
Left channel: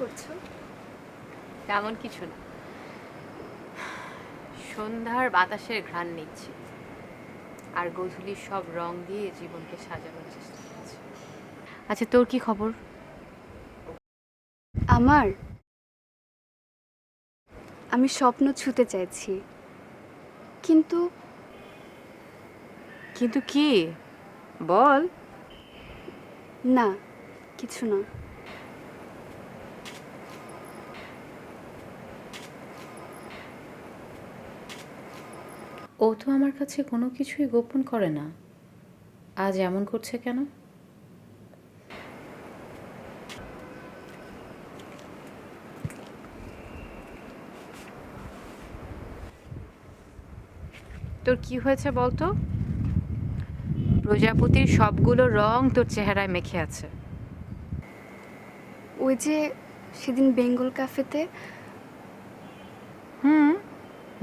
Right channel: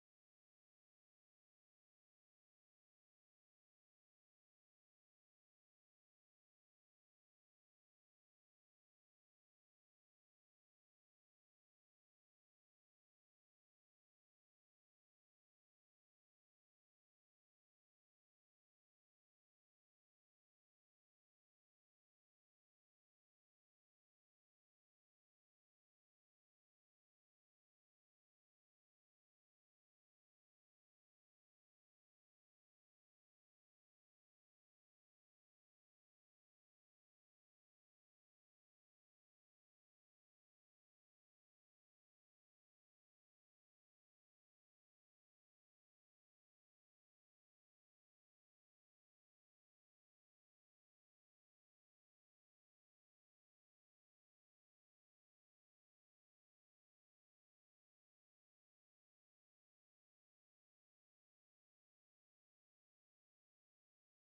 করছো? তেমন কিছু না, সন্ধ্যার বাতাসের ঘ্রাণ নিচ্ছি আর গোধূলির সব রং দিয়ে জীবনকে সাজানোর চেষ্টা করছি। আচ্ছা, তোর কি খবর? আমি স্বপ্ন ছুঁতে চাইছি, কিন্তু কিন্তু কি বল। না, কিছু না। ও তো আমার কাছে কোনো কিছুই গোপন করে না, আজ এমন করছে কেন? তোর কি হয়েছে বলতো? প্রজাপতির সবগুলো রং তোর চেহারায় মেখে আছে। ওই যে সেদিন বেঙ্গল ক্যাফেতে,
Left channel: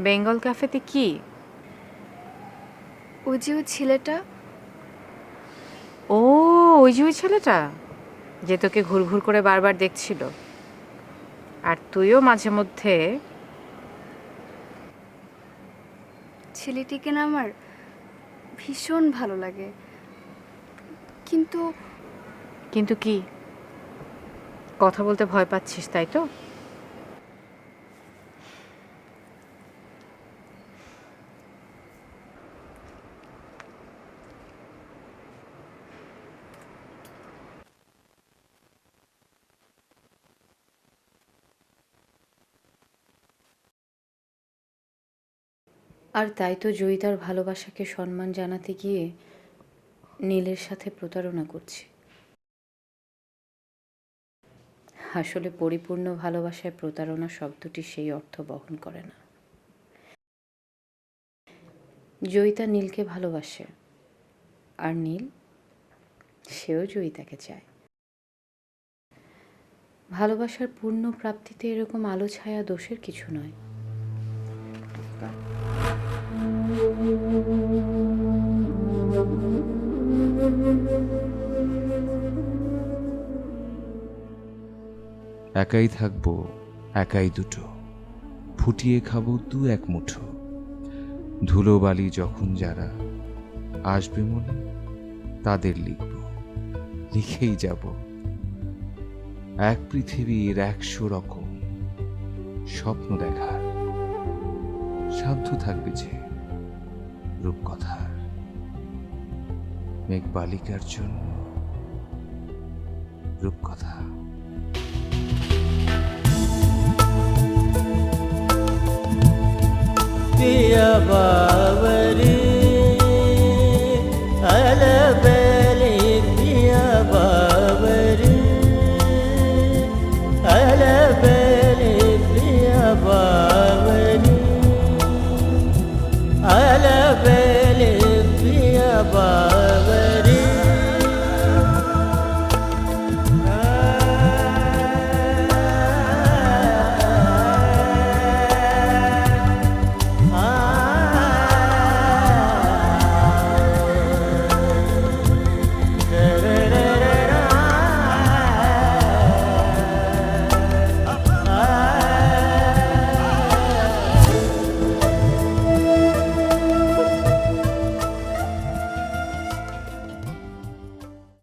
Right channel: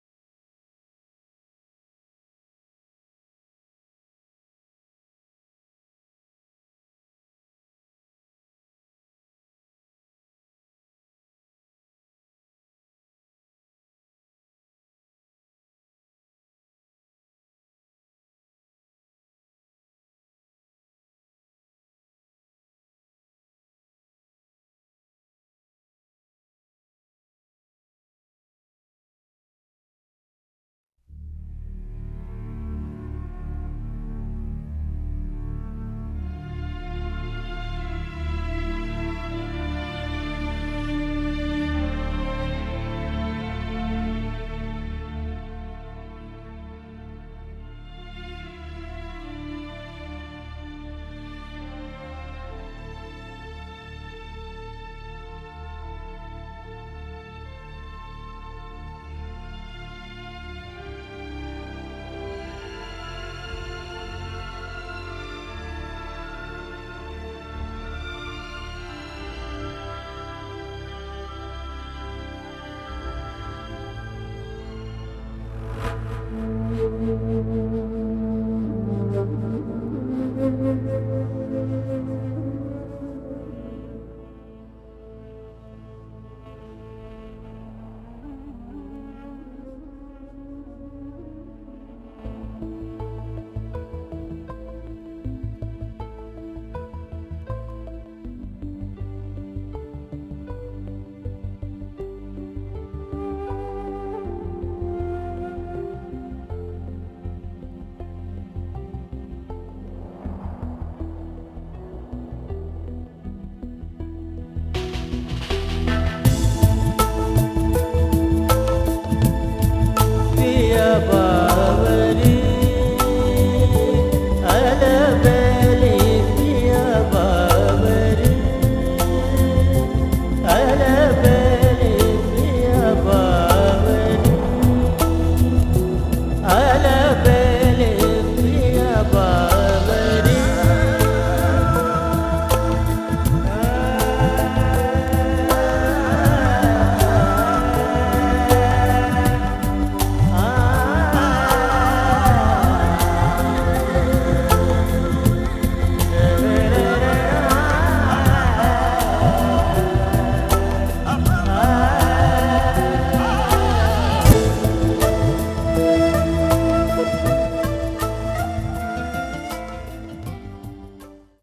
বেঙ্গল ক্যাফেতে কি? ওই যে ওই ছেলেটা, ও, ওই যে ওই ছেলেটা যে তোকে ঘুরঘুর করে বারবার দেখছিল, আর তুইও মাঝে মধ্যে। ছেলেটিকে না আমার ভীষণ ভালো লাগে, কিন্তু কিন্তু কি? কথা বলতে ভয় পাচ্ছিস তাই তো? আর তাই তো জয়ী তার ভালোবাসাকে সম্মান জানাতে গিয়ে নীলের সাথে প্রতারণা করছে। আসলে পরিপূর্ণ ভালোবাসায় প্রতারণা শব্দটি সেই অর্থ বহন করে না। জয়িতা নীলকে ভালোবাসে, আর নীল সেও জয়িতাকে চায়। ভালোবাসার পূর্ণ প্রাপ্তিতে এরকম আলো ছায়া দোষের কিছু না। একাই থাকবো, একাই দুটো, ফুটিয়ে খাবো দু এক মুঠো। ধুলোবালি যখন যারা আসবে মনে, তাদের লিখব, লিখেই যাব। এক পৃথিবীর 100 রকম স্বপ্ন দেখার সাধ্য থাকবে যে রূপকথার। মেঘবালিকার জন্য রূপকথা। पिया बावरी अलबेली पिया बावरी अलबेली पिया बावरी अलबेली पिया बावरी